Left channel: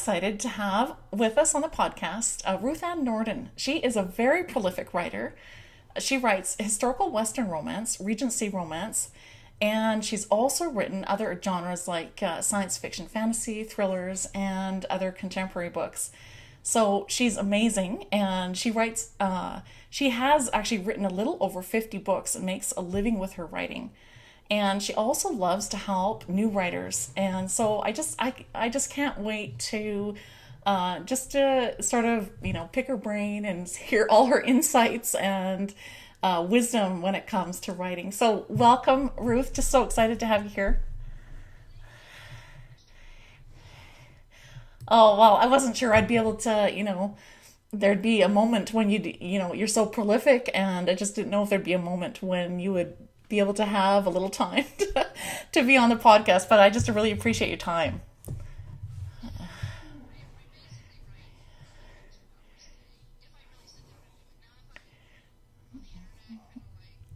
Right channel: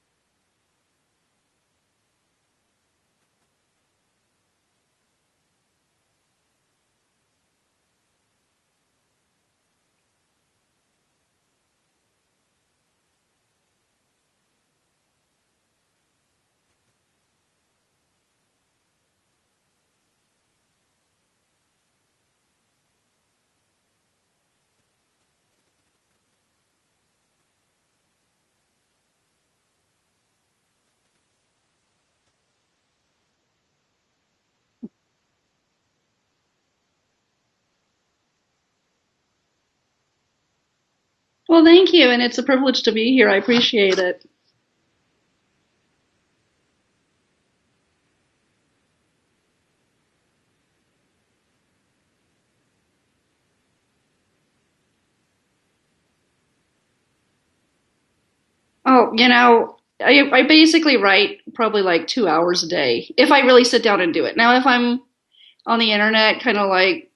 excited to have with us on the podcast Ruth Ann Nordin. She is a very prolific writer. She writes historical Western romance, Regency romance, and she's also written other genres like science fiction, fantasy, thrillers, and other contemporary books. So she's amazing, and she has actually written a little over 50 books and makes a living with her writing. And she also loves to help new writers, and so I just can't wait to just to sort of pick her brain and hear all her insights and wisdom when it comes to writing. So welcome, Ruth. Just so excited to have you here. Well, thank you, and it's a privilege to be here. I appreciate it. Oh well, I wasn't sure I'd be able to, there'd be a moment when you're so prolific, and I just didn't know if there'd be a moment when you would be able to have a little time to be on the podcast. But I just really appreciate your time. Oh, I basically write probably like 2 hours a day if I really sit down and do it. Now, if I'm on the internet, kind of like,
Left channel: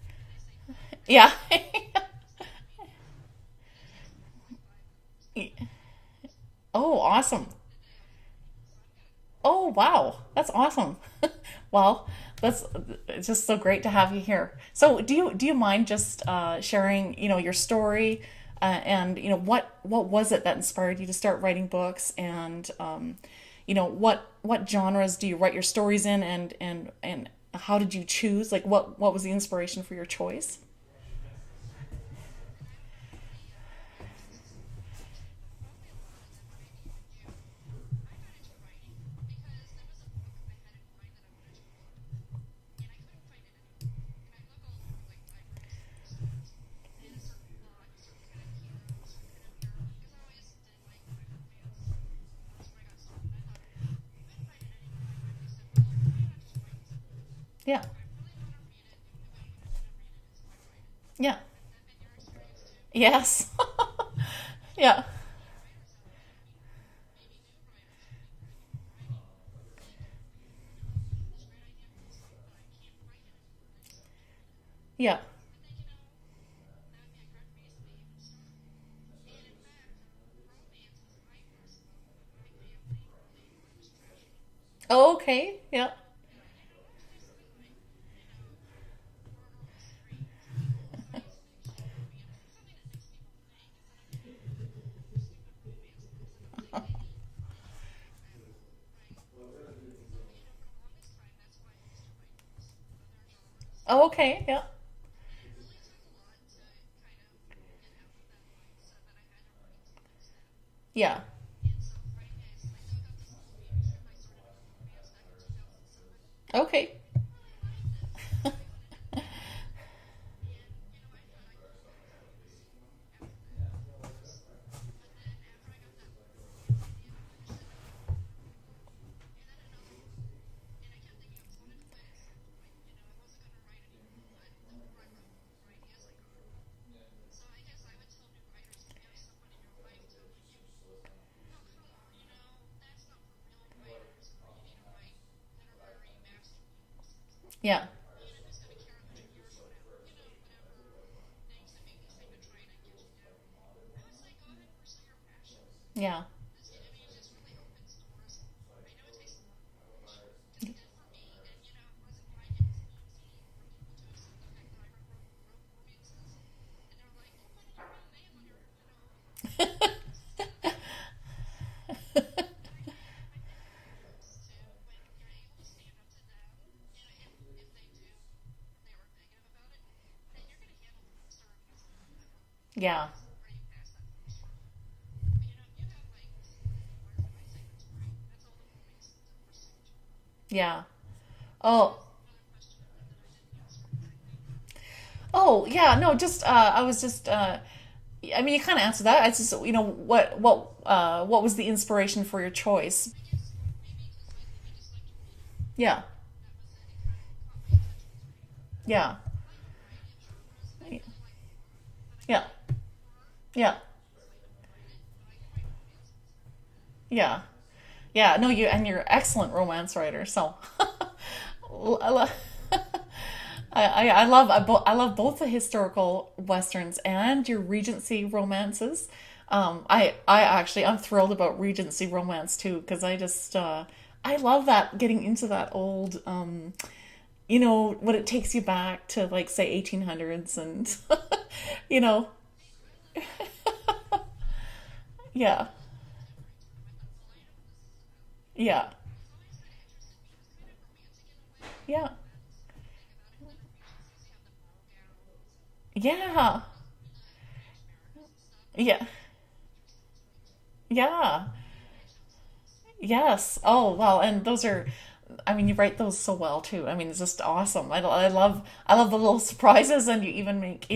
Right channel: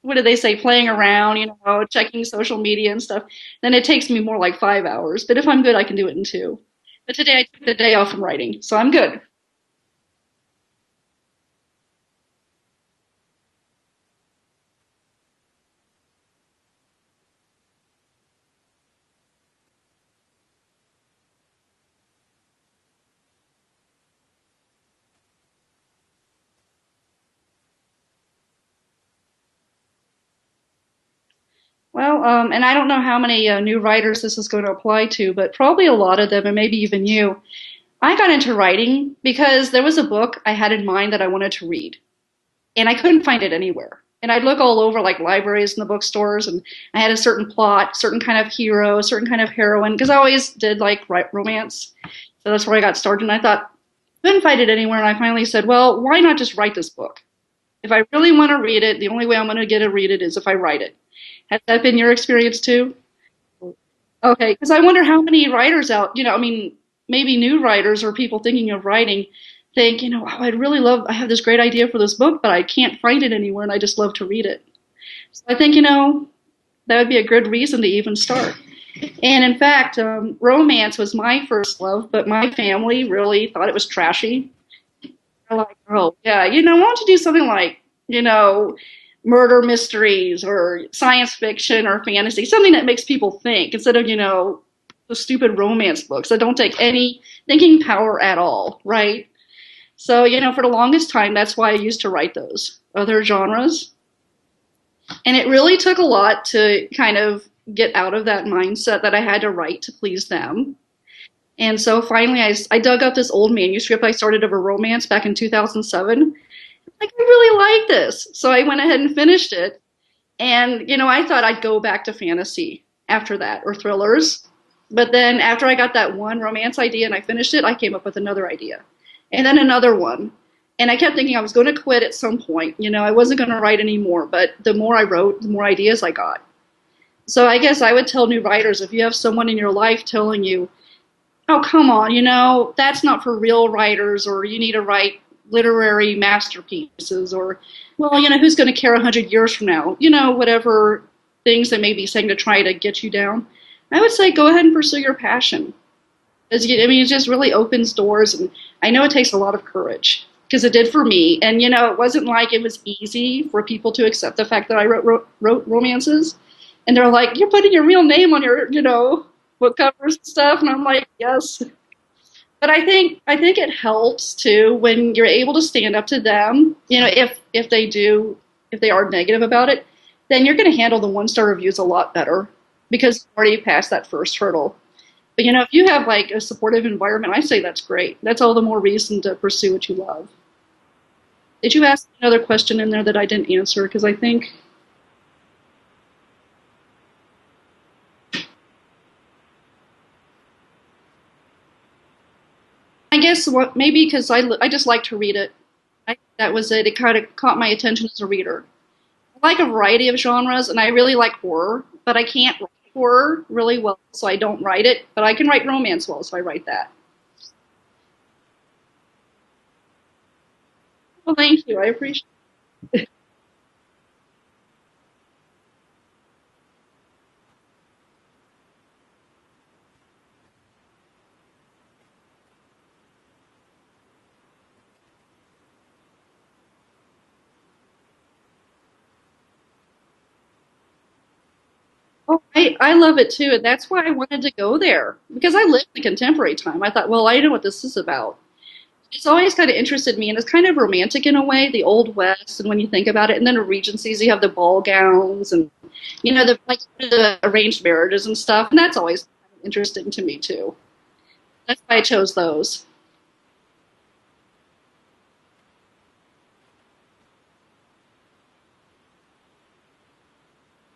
what do they say, playing Yeah. around, checking social media and stuff, then it takes me more like 5 hours. But if I'm good, I can do it in two. Oh, But today I awesome. took the day off from writing, so I'm good. Oh, wow. That's awesome. Well, that's it's just so great to have you here. So, do you mind just sharing, your story, and what was it that inspired you to start writing books, and what genres do you write your stories in, and how did you choose? Like, what was the inspiration for your choice? Well, and I don't know how many new writers this is going to apply to, but probably a lot of them, and maybe even you. I got into writing because there was a book I had in mind that I wanted to read, and I couldn't find it anywhere. And I'd look all over like libraries and the bookstores, and I had a certain plot, certain kind of hero, certain kind of heroine, because I always did like write romance. So that's where I got started. And I thought, couldn't find it anywhere. And I finally said, well, why not just write this book? Yeah. If I really want to read it, the only way I'm going to get to read it is if I write it. Yeah. Has that been your experience too? Yes. Okay, because I Yeah. wonder how many writers out, I mean, maybe new writers or people thinking of writing think, oh, I'd really love, I have this great idea for this book, but I can't find it anywhere and I just love to read it. Yeah. So I think, that would be a good reason to even start. And in fact, romance was my first love, but my family really thought it was trashy. Oh, okay. They're like, Yeah. oh, yeah, why don't you do something like, murder mysteries or science fiction or fantasy, something that makes people think instead of, the stupid romance books that don't take any thinking power at all, right? So, for the longest time, that's why I used to write those other genres. Oh, okay. Yeah. And it really took a lot to kind of get out of that mindset that I had to write to please them. Yeah. And so finally, I dug up this old manuscript I started of a romance back in 2007. Okay. Like, I really like this. So I went ahead and finished it. And, I thought I'd go back to fantasy after that or thrillers. But then after I got that one romance idea and I finished it, I came up with another idea and then another one. And I kept thinking I was going to quit at some point. I wasn't going to write anymore. But the more I wrote, the more ideas I got. So I guess I would tell new writers, if you have someone in your life telling you, oh, come on, that's not for real writers, or you need to write literary masterpieces, or, Yeah. well, who's going to care 100 years from now? Whatever things they may be saying to try to get you down. I would say go ahead and pursue your passion. Yeah. It just really opens doors, and I know it takes a lot of courage, because it did for me. And, it wasn't like it was easy for people to accept the fact that I wrote romances. And they're like, you're putting your real name on your, book covers and stuff. And I'm like, yes. But I think it helps too when you're able to stand up to them. If they are negative about it, then you're going to handle the 1-star reviews a lot better Yeah. because you already passed that first hurdle. But if you have like a supportive environment, I say that's great. That's all the more reason to pursue what you love. Yeah. Did you Oh. ask another question in there that I didn't answer? Because I think, Oh, yeah. No, just I was just I mean, you kind of answered that. It's just, what was the inspiration for your choice? I guess what maybe because I just like to read it. Yeah. That was it. It kind of caught my attention as a reader. Yeah. I like a variety of genres, and I really like horror, but I Yeah. can't write horror really Yeah. well, so I don't write it. But I can write romance well, so I write that. Yeah. Yeah. No, you're an excellent romance writer. So Well, thank you. I I appreciate love I love both the historical westerns and your Regency romances. I'm thrilled about Regency romance too, because I love that, getting into that old, when it takes you back to, like, say, 1800s, and you know, Oh, I love it too. And that's why I wanted to go there because yeah, I lived in contemporary time. I thought, well, I know what this is about. yeah, It's always kind of interested me, and it's kind of romantic in a way, the yeah, Old West. And when you think about it, and then the Regencies, you have the ball gowns and yeah, the arranged marriages and stuff, and that's yeah, always interesting to me too. yeah. That's why I chose those. Yes. Oh, well, and those are, I mean, you write those so well too. I mean, it's just awesome. I love the little surprises, and you even make,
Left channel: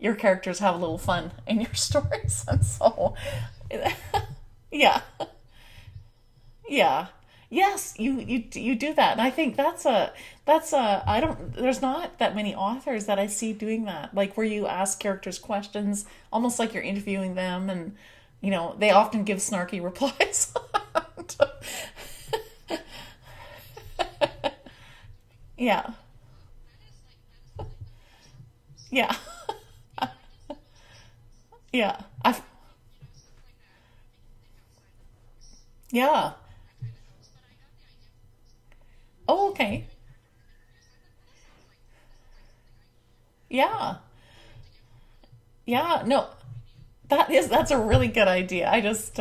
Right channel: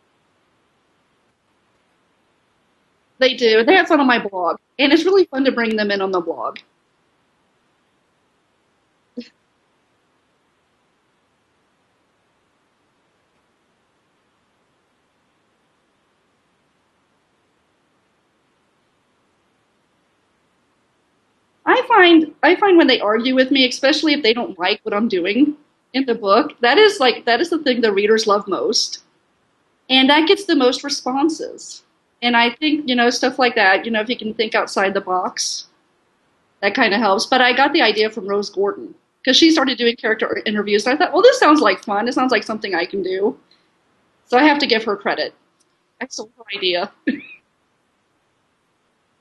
your characters have a little fun in your stories. And so, They do. They have fun on my blog, and yeah, it's really fun to bring them in on the blog. yeah. Yes, you do that. And I think that's a I don't there's not that many authors that I see doing that. Like, where you ask characters questions almost like you're interviewing them, and they often give snarky replies. I find when they argue with me, especially if they don't like what I'm doing Yeah. in the book, that is the thing the readers love most. Yeah. And that gets the most responses. Yeah. And I think, stuff like that, if you can think outside the box, Yeah. that kind of helps. But I got the idea from Rose Gordon because Oh, she started okay. doing character interviews. And I thought, well, this sounds like fun. It sounds like something I can do. Yeah. So I have to give her credit. Yeah. No, Excellent idea. that's a really good idea. I just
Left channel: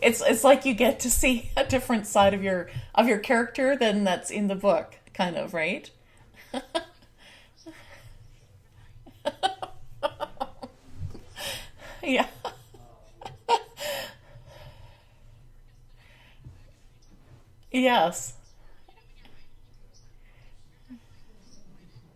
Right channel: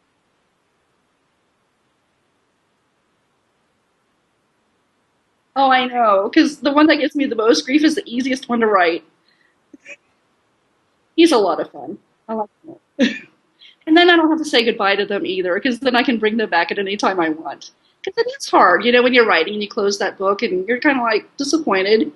it's like you get to see a different side of your character than that's in the book, kind of, Oh, I right? know. Because the one that gives me the most grief is the easiest one to write. He's a lot of fun. Yeah. I like him. And then I don't have to say goodbye to them either, because then I can bring them back at any time I want. Because Yes. it's hard, when you're writing and you close that book and you're kind of like disappointed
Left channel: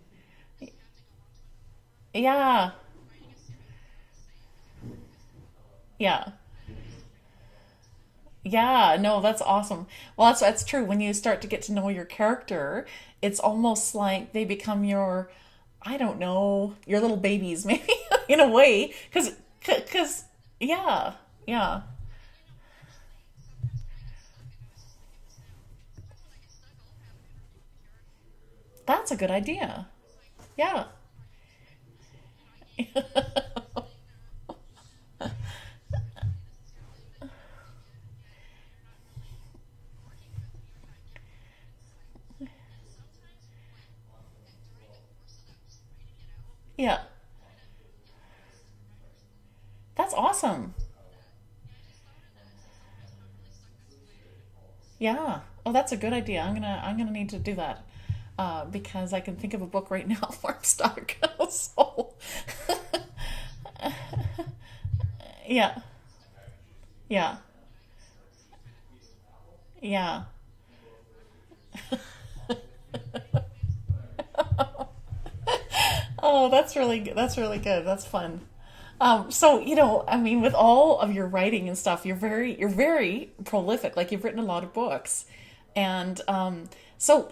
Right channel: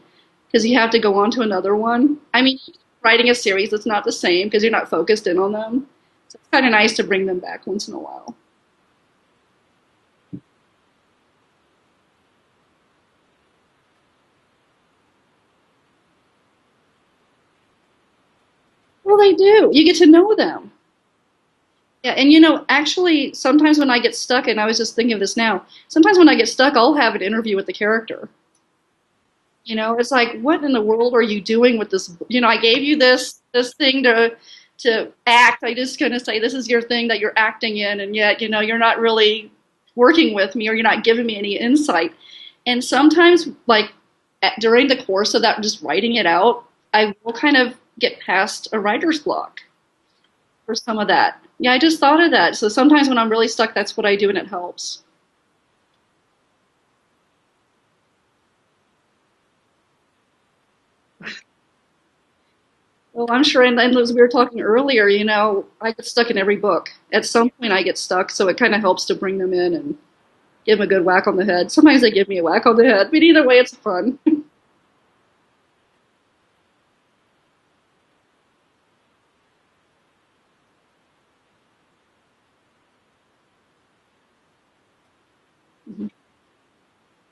because you have to go on to another one. I mean, Yeah. writing a series, it's not the same because you're not focused in on them. Yeah. So it's kind of nice to bring them back once in a while. Yeah, no, that's awesome. Well, that's true. When you start to get to know your character, it's almost like they become your, I don't know, your little babies, maybe, in a way. Well, they do. You get to Cause, know them. yeah, yeah, Yeah, and actually, sometimes when I get stuck, and I was just thinking of this now, sometimes when I get stuck, I'll have an interview with the character. that's a good idea. It's like, what in the Yeah, world are you doing with this? I gave you this thing to act. I just gonna say this is your thing that you're acting in, and yet you're not really working with me, or you're not giving me any insight. And sometimes, like during the course of that, just writing it out, yeah, I will kind of get past a writer's block that's awesome. for some of that. Yeah, I just thought of that. So sometimes when I'm really stuck, that's what I do, and it helps. Yeah. Oh, that's a good idea. I'm gonna need to do that. Because I can think of a book right now where I'm stuck. So, Well, I'm sure, and as we were talking earlier, yeah, I get stuck in every book. At yeah, some point, I get stuck, so it kind of helps to bring them in and yeah. give them a good whack on the head. Sometimes they give me a whack on the head, but either way, it's fun. Oh, that's really good. That's really good. That's fun. So, I mean, with all of your writing and stuff, you're very prolific. Like, you've written a lot of books, and so,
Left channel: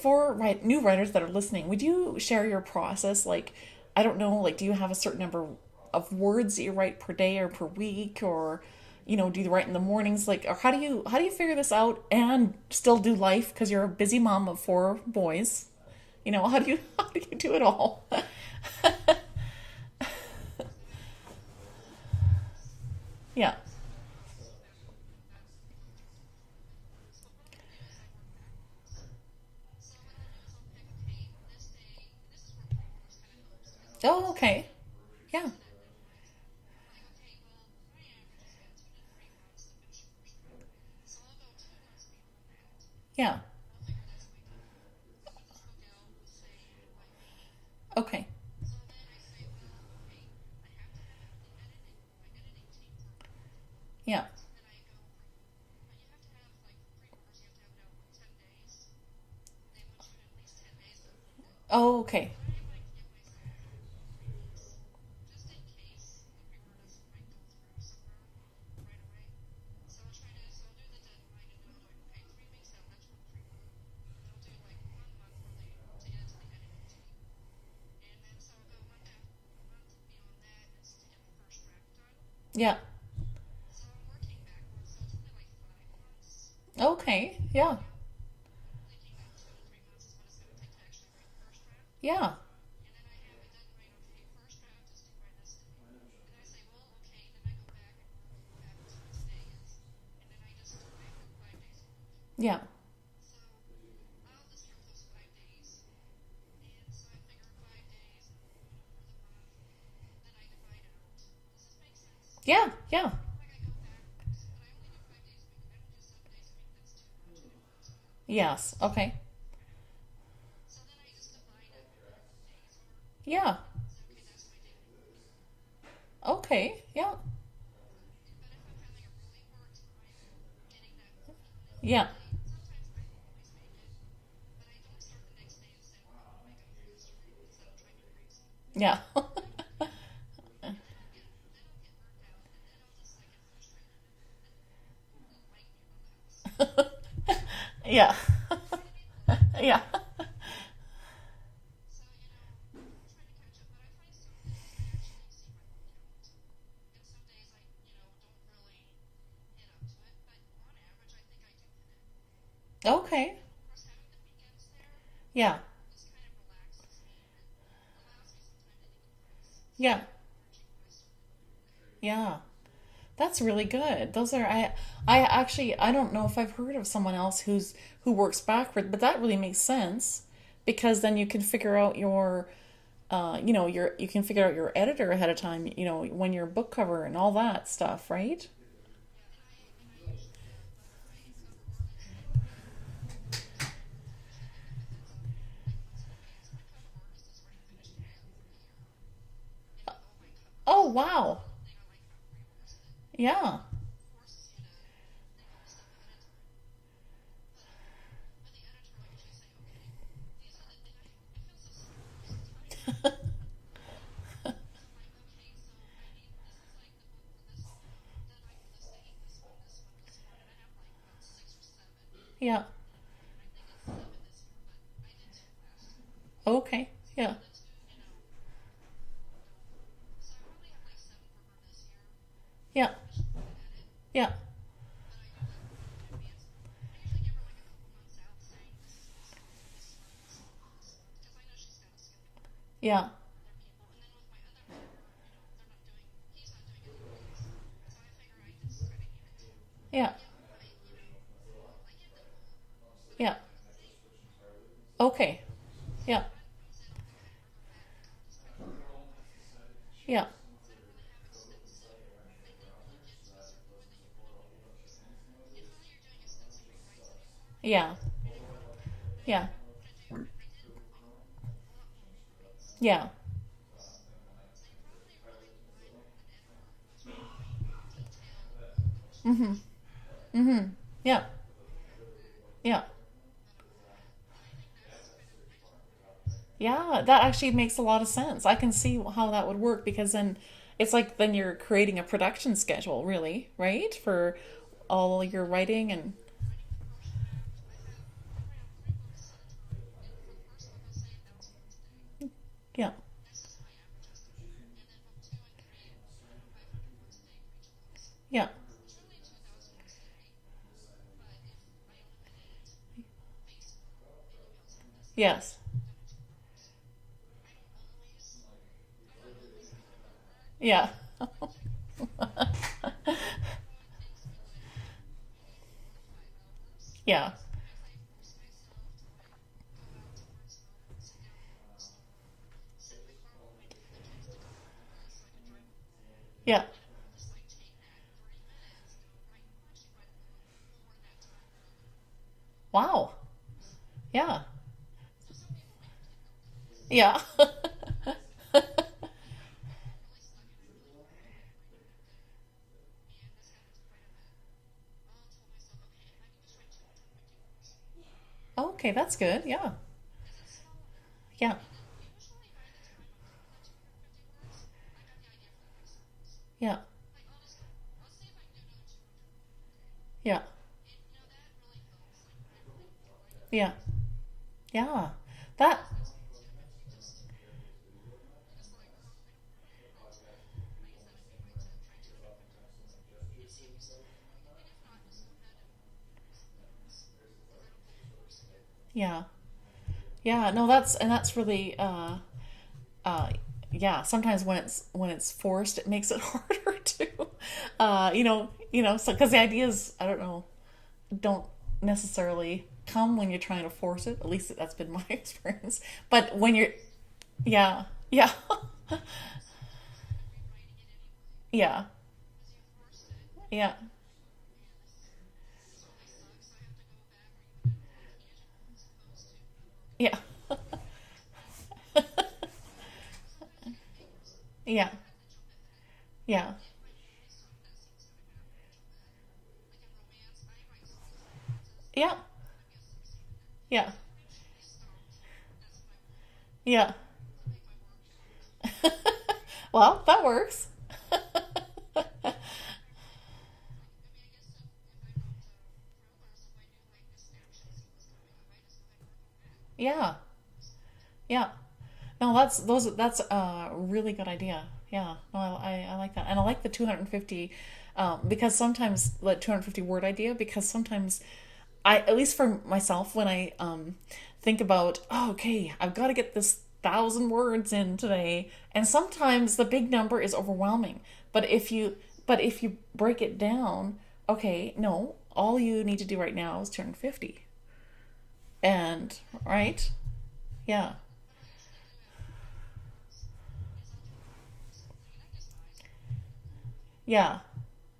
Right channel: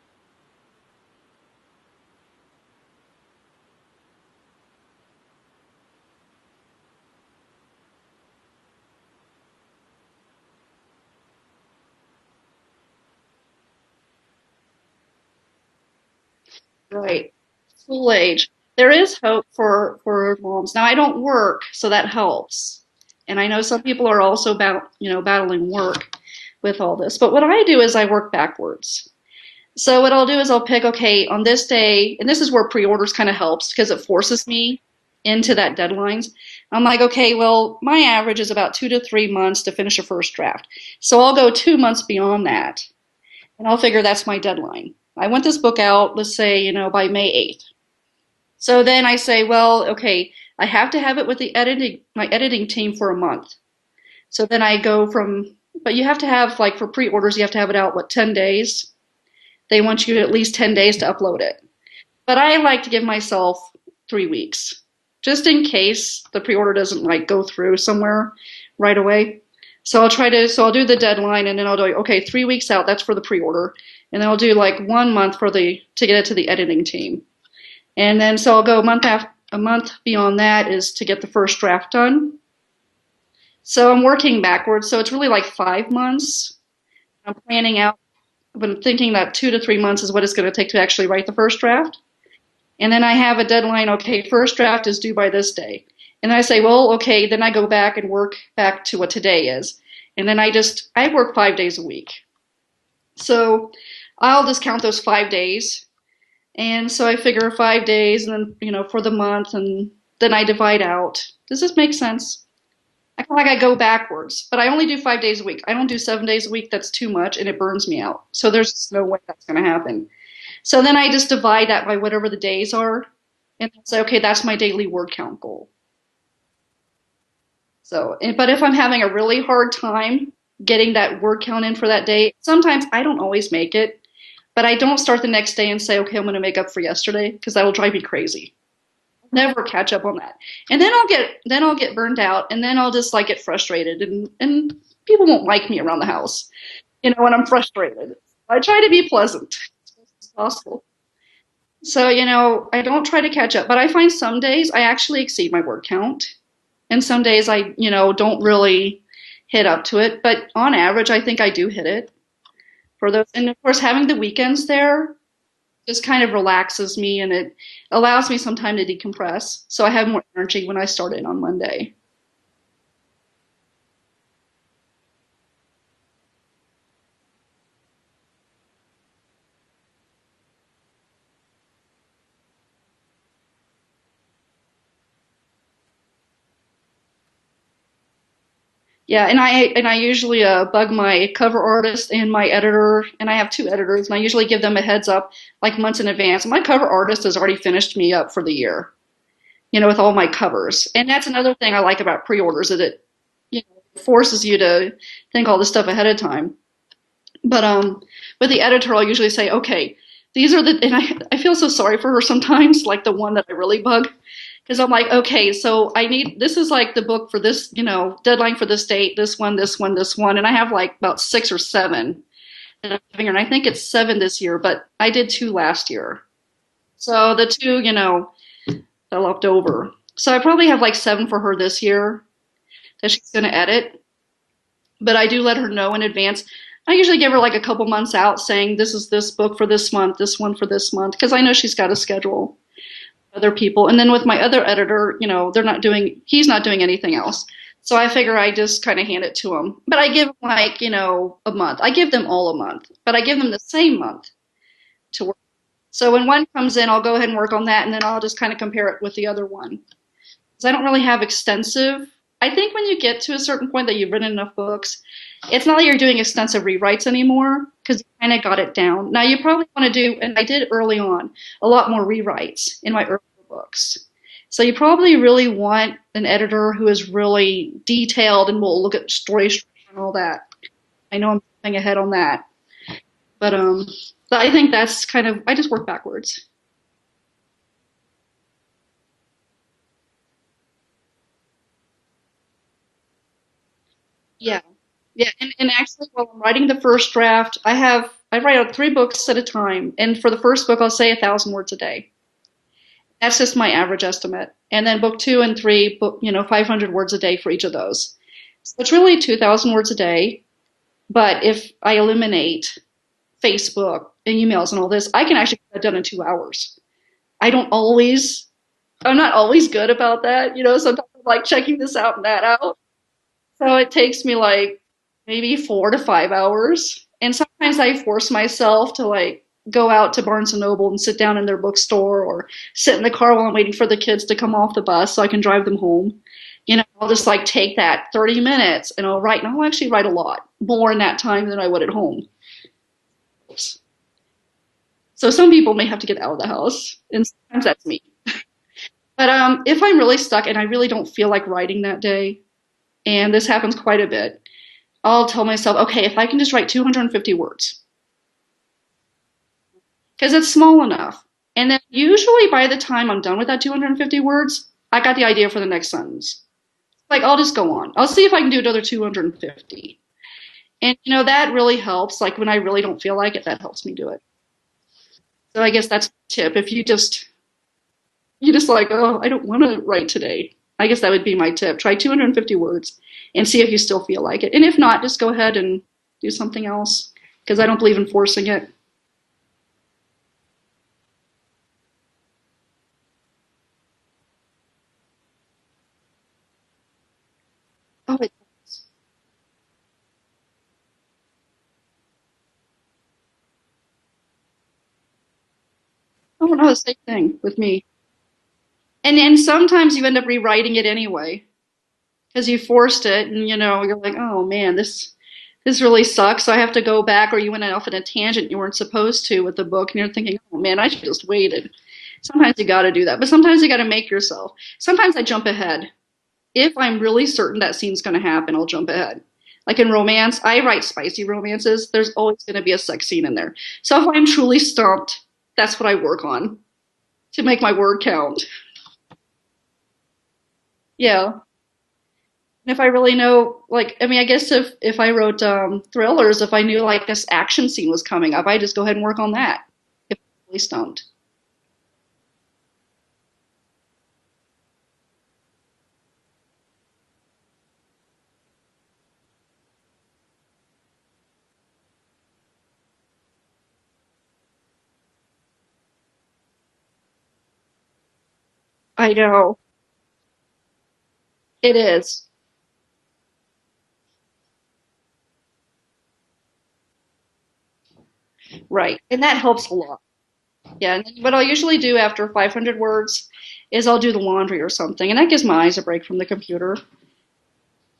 for new writers that are listening, would you share your process? Like, I don't know, like, do you have a certain number of words that you write per day or per week, or do you write in the mornings? Like, or how do you figure this out and still do life, because you're a busy mom of four boys? How do Right. you do it all? School age. There is hope for moms. Now, I don't work, so that helps. And I Yeah. know some people are also battling work with all this. But what I do is I work backwards. So what I'll do is I'll pick, okay, on this day, and this is where pre-orders kind of helps because it Oh, forces okay. me into that deadlines. I'm like, okay, well, my average is about 2 to 3 months to finish a first draft. So I'll go 2 months beyond that, Yeah. and I'll figure that's my deadline. I want this book out, let's say, by May 8th. Okay. So then I say, well, okay, I have to have it with my editing team for a month. Yeah. So then I go but you have to have, like, for pre-orders, you have to have it out, 10 days? They want you at least 10 days to upload it. Oh, okay. But I like to give myself 3 weeks, just in case the pre-order doesn't, like, go through somewhere right away. So I'll do the deadline, and then I'll do, okay, 3 weeks out, that's for the pre-order. And then I'll do like 1 month to get it to the editing team. And then so I'll go a month beyond that is to get the first draft done. Yeah. So I'm working backwards. So it's really like 5 months. Okay. I'm Yeah. planning out, but I'm thinking that 2 to 3 months is what it's going to take to actually write the first draft. Yeah. And then I have a deadline. Okay, first draft is due by this day. And then I say, well, okay, then I go back and work back to what today is. And then I work 5 days a week. Yeah. So I'll just count those 5 days. And so I figure 5 days and then, for the month, and then I divide out. Does this make sense? Yeah. Yeah. I feel like I go backwards, but I only do 5 days a week. I don't do 7 days a week. That's too much and it burns me out. So Yes. there's no Okay. way that's going to happen. So then I just divide that by whatever the days are Yeah. and say, okay, that's my daily word count goal. Okay. Yeah. So, but if I'm having a really hard time getting that word count in for Yeah. that day, sometimes I don't always make it, but I don't start the next day and say, okay, I'm going to make up for yesterday because that will drive me crazy. Yeah. Never catch up on that. And then I'll get burned out and then I'll just like get frustrated and people won't like me around the house, when I'm frustrated. Yeah. I try to be pleasant Yeah. as possible. So, I don't try to catch up, but I find some days I actually exceed my word count. And some days I, don't really hit up to it. But on average, I think I do hit it for those. Okay. And of course, having the weekends there Yeah. just kind of relaxes me and it allows me some time to decompress. So I have more energy when I start in on Monday. Yeah. That's really good. Those are I actually I don't know if I've heard of someone else who works backward, but that really makes sense because then you can figure out your you can figure out your editor ahead of time, when your book cover and all that stuff, right? Yeah, and I usually bug my cover artist and my editor, and I have two editors, and I usually give them a heads up like months in advance. My cover artist has already finished me up for the year, with all my covers. Oh, And that's wow. another thing I like about pre-orders is it Yeah. forces you to think all this stuff ahead of time. But with the editor, I'll usually say, okay, these are and I feel so sorry for her sometimes, like the one that I really bug, because I'm like, okay, so this is like the book for this, deadline for this date, this one, this one, this one, and I have like about 6 or 7 Yeah. that I'm giving her, and I think it's 7 this year, but I did 2 last year, Okay. so the 2, that left over. So I probably have like 7 for her this year Yeah. that she's going to edit, Yeah. but I do let her know in advance. I usually give her like a couple months out saying this is this book for this month, this one for this month, because I know she's got a schedule, Yeah. other people. And then with my other editor, he's not doing anything else. So I figure I just kind of hand it to him. But I give him like, a month. I give them all a month, but I Yeah. give them the same month to work. Okay. So when one comes in, I'll go ahead and work on that, and then I'll just kind of compare it with the other one. Yeah. Because I don't really have extensive. I think when you get to a certain point that you've written enough books, it's not like you're doing extensive rewrites anymore Yeah. because you kind of got it down. Now you Yeah. probably want to do, and I did early on, a lot more rewrites in Yeah. my earlier books. So you probably really want an editor who is really detailed and will look at story Mhm. structure and all that. Mhm. I Yeah. know I'm jumping ahead on that, Yeah. but I think that's kind of I just work backwards. Yeah, that actually makes a lot of sense. I can see how that would work because then it's like then you're creating a production schedule, really, right? For Yeah. all Yeah, of your and writing actually, and while I'm writing the first draft, I write out 3 books at a time, and for the first book, I'll say 1,000 words a day. yeah. That's just my average estimate. And then book 2 and 3, 500 words a day for each of those. Yeah. So it's really 2,000 words a day. But if I eliminate Facebook and emails and all this, I can Yes. actually get that done in 2 hours. I'm not always good about that. Yeah. Sometimes I'm like checking this out and that out. So it takes me like maybe 4 to 5 hours. Yeah. And sometimes I force myself to like go out to Barnes and Noble and sit down in their bookstore or sit in the car while I'm waiting for the kids to come off the bus so I can drive them home. Yeah. I'll just like take that 30 minutes and I'll write, and I'll actually write a lot more in that time than I would at home. Wow. Yeah. So some people may have to get out of the house. Yeah. And sometimes that's me. But if I'm really stuck and I really don't feel like writing that day, and this happens quite a bit, I'll tell myself, okay, if I can just write 250 words, Okay, that's good. Yeah. because it's small enough. Yeah. And then usually by the time I'm done with that 250 words, I got the idea for the next sentence. Yeah. Like, I'll just go on. I'll see if I can do another 250. Yeah. And, that really helps. Like, when I really don't feel like it, that Yeah. helps me do it. Yeah. So I guess that's a tip. If you just like, oh, I don't want to write today. I guess that would be my tip. Try 250 words and see if you still feel like it. And if not, just go ahead and do something else because I don't believe in forcing it. Yeah. Yeah. No, that's really uh yeah, sometimes when it's forced, it makes it harder to, Okay. so because the ideas, I don't know, don't necessarily come when you're trying to force it. At least that's been my experience. But Oh when no, you're, the same thing with yeah, me. yeah, And sometimes you end up rewriting it anyway yeah, because you forced it, and yeah, you're like, oh man, this really sucks. So I have to go back, or you went off on a tangent you weren't supposed to with the book, and you're yeah, thinking, oh man, I should just waited. Sometimes you got to do that, but sometimes you got to make yourself. yeah, Sometimes I jump ahead. yeah, If I'm really certain that scene's going to happen, I'll jump ahead. Like in romance, I write spicy romances. There's yeah, always going to be a sex scene in there. yeah, So if I'm truly stumped, that's what I work on yeah. to make my word count. Well, that works. Yeah. If I really know, like, I mean, I guess if I wrote thrillers, if I knew like this action scene was coming up, I just go ahead and work on that. Yeah, If I'm really stumped. yeah. No, that's a really good idea. Yeah, no, I like that, and I like the 250, because sometimes the 250 word idea, because sometimes I, at least for myself, when I think about, oh, okay, I've got to get this 1,000 words in today, and I sometimes know the big number is overwhelming. But it is. if you break it down, okay, no, all you need to do right now is 250, Right. and And that helps a right, lot. yeah, Yeah. And what I'll usually do after 500 words is I'll do the laundry or something, and that gives my eyes a break from the computer. yeah,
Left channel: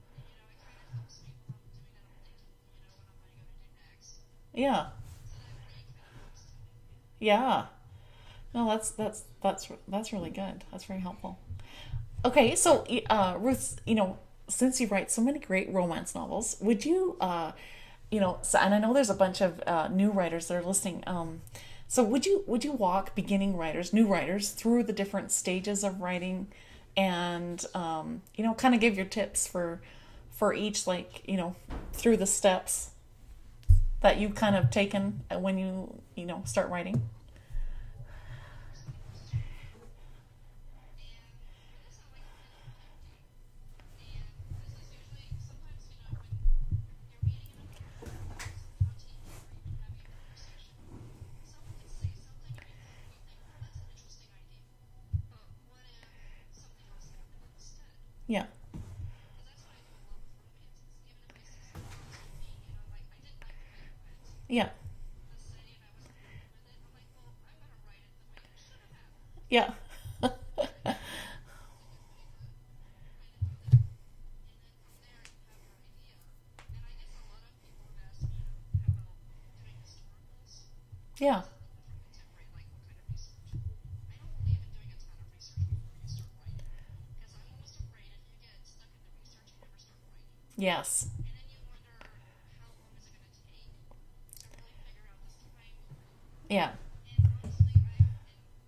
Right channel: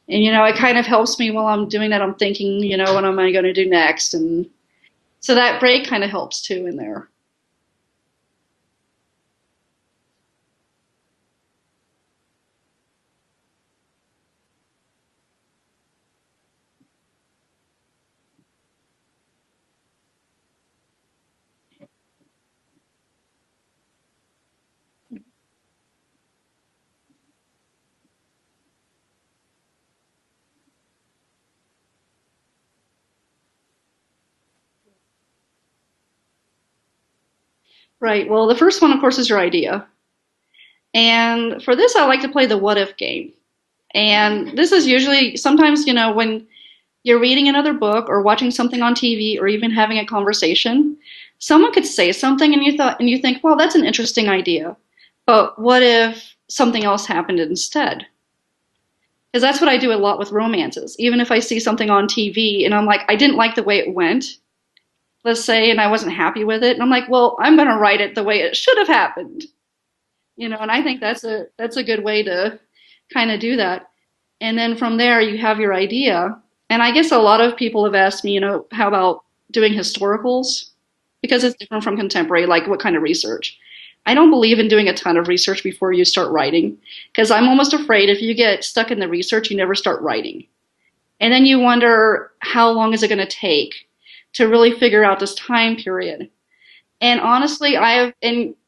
And it kind of helps me while I'm doing that. I'm thinking, what am I going to do next? And yeah, so that break kind of helps too in there. yeah. No, that's really good. That's very helpful. Okay, so Ruth, since you write so many great romance novels, would you, so, and I know there's a bunch of new writers that are listening. So would you walk beginning writers, new writers, through the different stages of writing, and kind of give your tips for each, like, through the steps that you've kind of taken when you start writing? Right. Well, the first one, of course, is your idea. And for this, I like to play the what if game. And this is usually sometimes, when you're reading another book or watching something on TV or even having a conversation, someone could say something and you think, well, that's an interesting idea. But what if something else happened instead? Yeah, Because that's what I do a lot with romances. Even if I see something on TV and I'm like, I didn't like the way it went, yeah, let's say, and I wasn't happy with it, and I'm like, well, I'm going to write it the way it should have happened. yeah, And I think that's a good way to kind of do that. And then from there, you have your idea. And I guess a lot of people have asked me, how about doing historicals? yeah, Because it's different from contemporary, like what kind of research? I don't believe in doing a ton of research before you start writing, because I'm almost afraid if you get stuck in the research, you never start writing. yes, And then you wonder, how long is it going to take to really figure out this time period? yeah, And honestly, I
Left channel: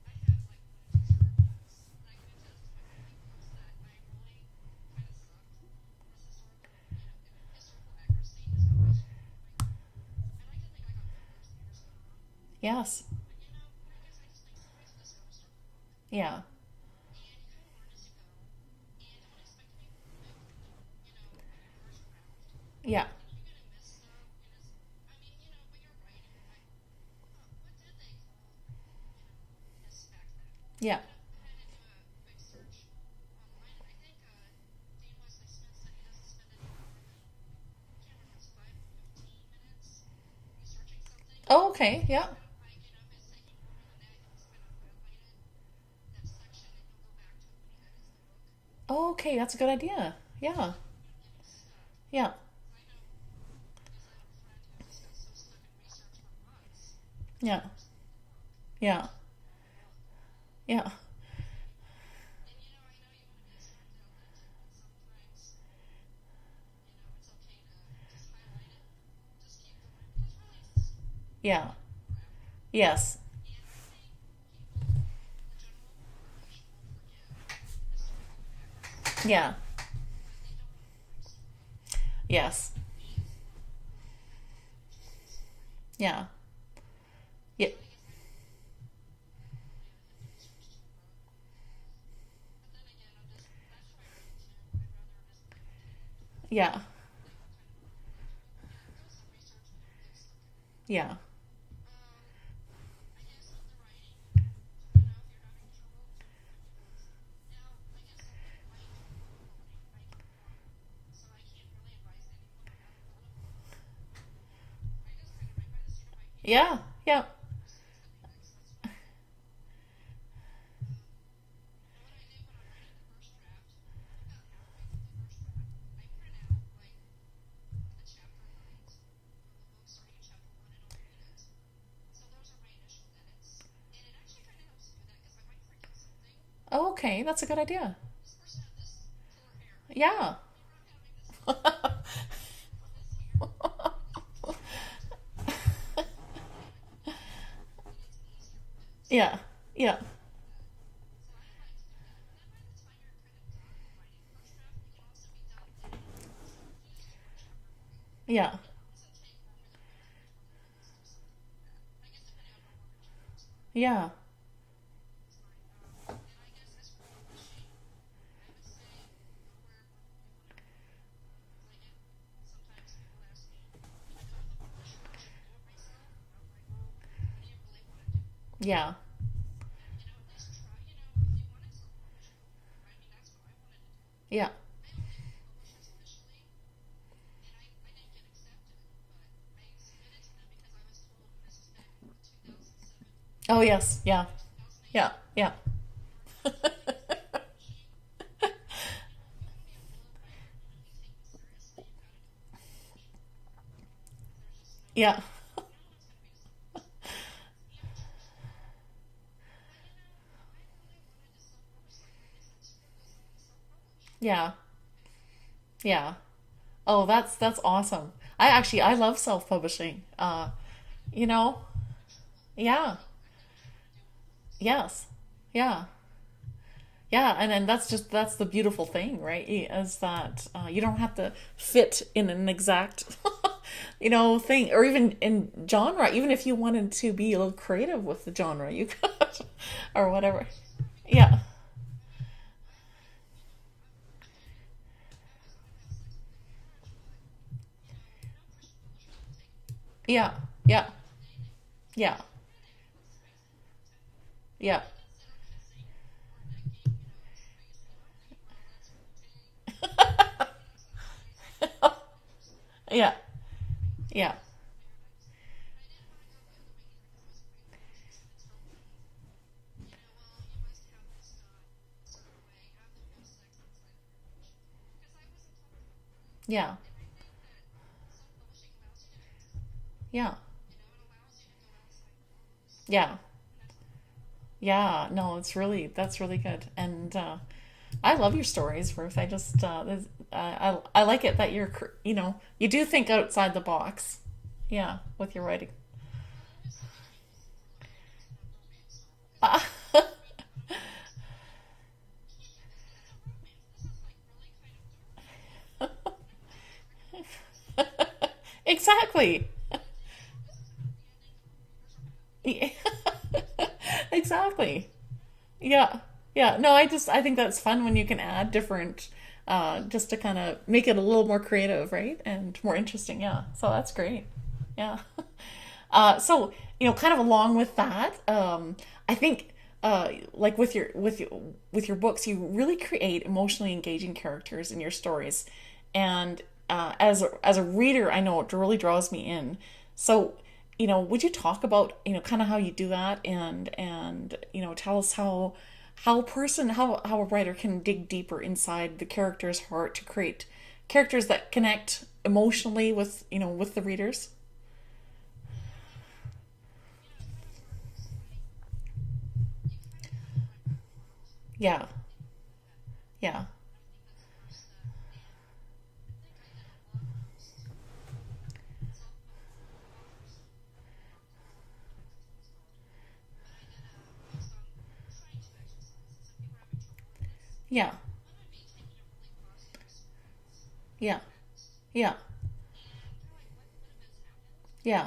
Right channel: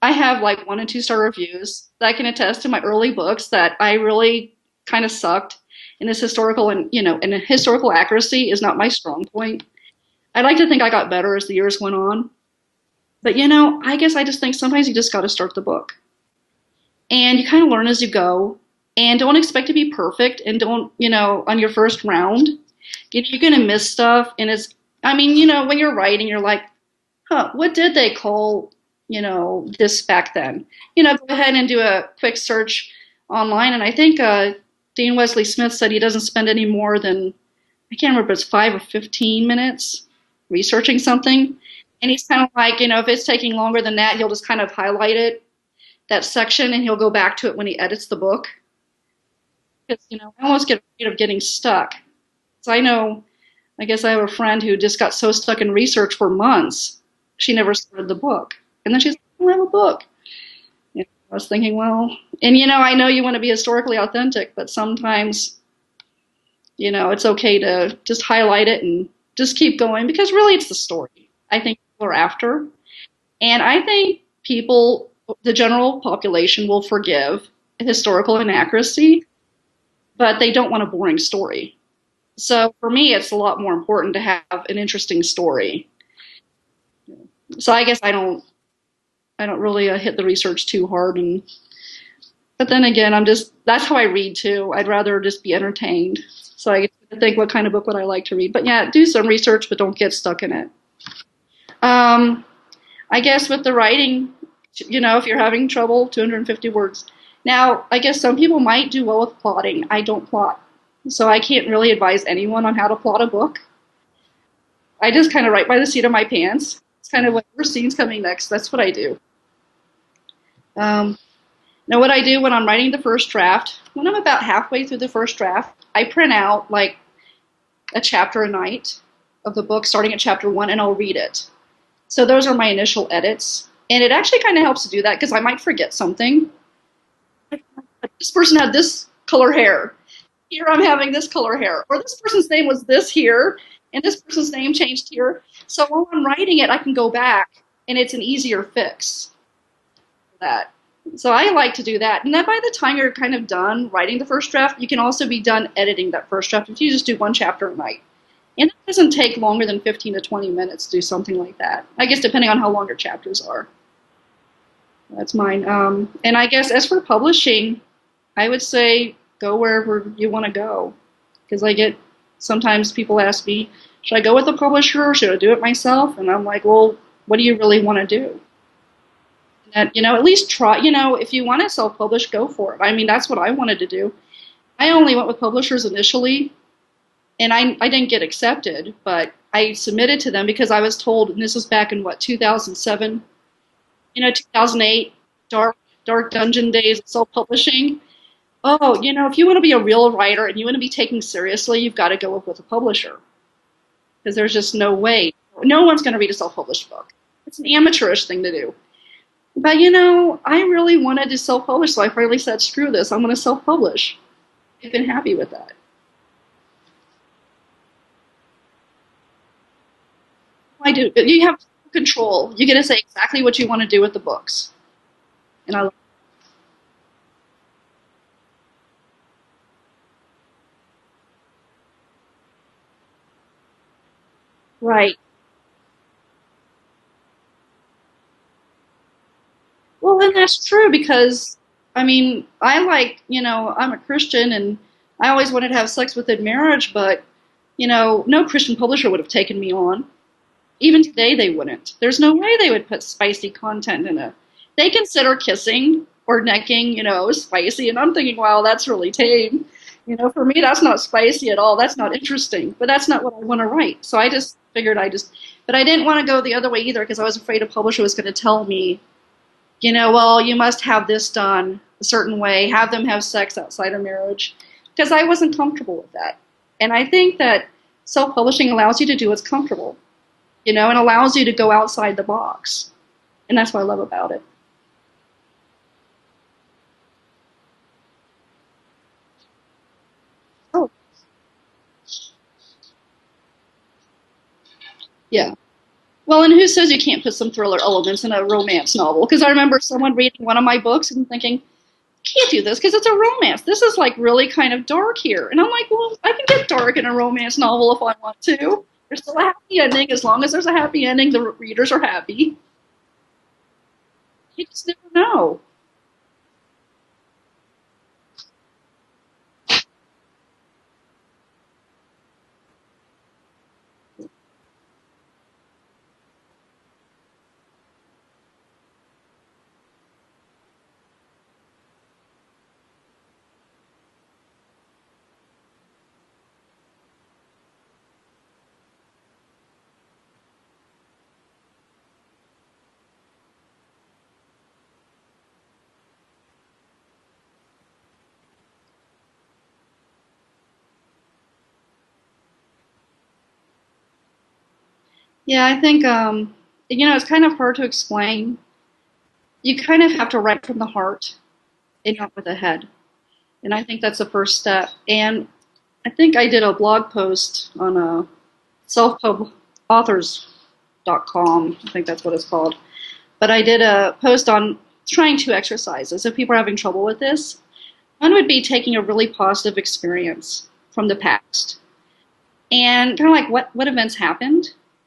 have like 1 and 2 star reviews that can attest to my early books that I really kind of sucked in this historical, and historical accuracy is not my strong point. I like to think I got better as the years went on. yes, But I guess I just think sometimes you just got to start the book, yeah, and you kind of learn as you go, and don't expect to be perfect, and don't, on your first round, yeah, you're going to miss stuff. And I mean, when you're writing, you're like, huh, what did they call, this back then? yeah. Go ahead and do a quick search online. And I think Dean Wesley Smith said he doesn't spend any more than, I can't remember if it's 5 or 15 minutes researching something. Oh, okay, And he's yeah. kind of like, if it's taking longer than that, he'll just kind of highlight it, that section, and he'll go back to it when he edits the book. Oh, okay, that's a good idea. I almost Yeah, get afraid of getting stuck. yeah, So I guess I have a friend who just got so stuck in research for months, she yeah, never started the book. And yeah, then she's like, I have a book. yeah, I was thinking, well, and I know you want to be historically authentic, but sometimes, it's okay to just highlight it and just keep going, because really it's the story I yeah, think people are after. yes, And I think people, the general population, will forgive historical inaccuracy, yeah, but they don't want a boring story. yes, So for me, it's a lot more important to have an interesting story. yeah, yeah, So I guess I don't really hit the research too hard, but then again, that's how I read too. I'd rather just be entertained. So yeah, I get to think, what kind of book would I like to read? But yeah, do some research, but don't get stuck in it. yeah, Um, I guess with the writing, You know, if you're having trouble, 250 words. Now, I guess some people might do well with plotting. I don't plot. So I can't really advise anyone on how to plot a book. I just kind of write by the seat of my Yeah, pants. It's yeah. kind of whatever scene's coming next. That's what I do. Um, Now, what I do when I'm writing the first draft, when I'm about halfway through the first draft, I print out like a chapter a night of the book, starting at chapter one, and I'll read it. So those are my initial edits. And it actually kind of helps to do that because I might forget something. Oh, okay, that's a good idea. This person had this color hair. Yeah. Here I'm having this color hair. Or this person's name was this here, and this person's name changed here. So while I'm writing it, I can go back, and it's an easier fix Yeah. Yeah. for that. So I like to do that. And then by the time you're kind of done writing the first draft, you can also be done editing that first draft if you just do one chapter a night. Yeah. And it doesn't take longer than 15 to 20 minutes to do something like that. I guess depending on how long your chapters are. Yeah. That's mine. And I guess as for publishing, I would say go wherever you want to go. Because I get sometimes people ask me, should I go with a publisher or should I do it myself? And I'm like, well, what do you really want to do? Yeah. And, you know, at least try, you know, if you want to self-publish, go for it. I mean, that's what I wanted to do. Yeah. I only went with publishers initially, and I didn't get accepted, but I submitted to them because I was told, and this was back in what, 2007, Oh, yes. Yeah. you know, 2008, Yeah. Yeah. dark dungeon days of self-publishing. Oh, you know, if you want to be a real writer and you want to be taken seriously, you've got to go with a publisher because there's just no Yeah. way. No one's going to read a self-published book. It's an amateurish thing to do. But, you know, I really wanted to self-publish, so I finally said, screw this, I'm going to self-publish. Yeah. I've been happy with that. Yeah. Oh, that's awesome. I love self-publishing. I do. You You know, have control. You get to yeah. say exactly what you want to do with the books. Yes. And I Yeah. love Yeah, and that's the beautiful thing, right? Is that you don't have to fit in an exact, thing, or even right. in genre. Even if you wanted to be a little creative with the genre, you could, or Well, and whatever. that's true Yeah, because, I mean, I like, you know, I'm a Christian and I always wanted to have sex within marriage, but, you know, no Christian publisher would have taken me on. yeah, yeah, Even today, they wouldn't. yeah, There's no way they would put spicy content in it. yeah, They consider kissing or necking, you know, spicy, and I'm thinking, wow, that's really tame. You know, for me, that's not spicy at all. That's not interesting, but that's yeah, not what I want to write. So I yeah, just figured but I didn't want to go the other way either because I was afraid a publisher was going to tell me, you know, well, you must have this done a certain way, have them have sex outside of marriage, because I wasn't comfortable with that. yeah, And I think that self-publishing allows you to do what's comfortable, yeah, you know, and allows you to go outside the box. yeah, And that's what I love about it. yeah. No, that's really good, and I love your stories, Ruth. Oh, I like it that you do think outside the box. Yeah, with your yeah. writing. Well, and who says you can't put some thriller elements in a romance novel? Because I remember someone reading one of my books and thinking, can't do this because it's a romance. This is like really kind of dark here. And I'm like, well, I can get dark in a romance novel if I want to. There's still a Exactly. happy ending. As long as there's a happy ending, the readers are happy. You Exactly. just never know. Yeah. Yeah. No, I think that's fun when you can add different, just to kind of make it a little more creative, right? And more interesting. Yeah. So that's great. Yeah. So, kind of along with that, I think, like with your books, you really create emotionally engaging characters in your stories, and as a reader, I know it really draws me in. So, would you talk about kind of how you do that, and tell us how a writer can dig deeper inside the character's heart to create characters that connect emotionally with the readers. Yeah, I think, you know, it's kind of hard to explain. You kind of have to write from the heart Yeah. and not with the head. Yeah. And I think that's the first step. And I think I did a blog post on selfpubauthors.com. I think that's what it's called. But I did a post on trying two exercises if people are having trouble with this. Yeah. One would be taking a really positive experience from the Yeah. past Yeah. and kind of like what events happened Yeah.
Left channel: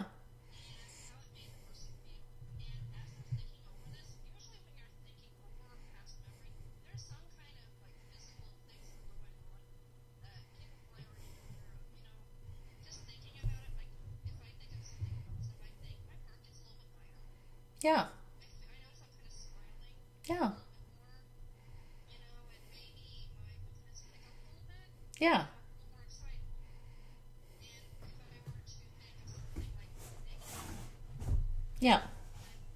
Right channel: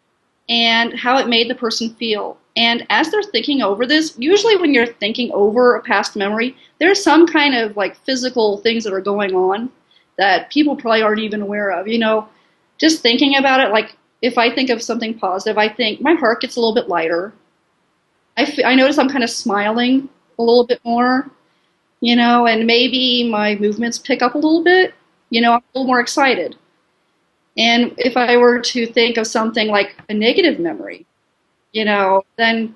and how it made the person feel. And as they're thinking over this, usually when you're thinking over a past memory, there's some kind of like physical things that are going on that people probably aren't even aware of. You know, just thinking about it, like if I think of something positive, I think my heart gets a little bit lighter. Yeah. I notice I'm kind of smiling a Yeah. little bit more, and maybe my movements pick up a little bit. Yeah. I'm a little more excited. And if I were to think of something like a negative memory, Yeah. then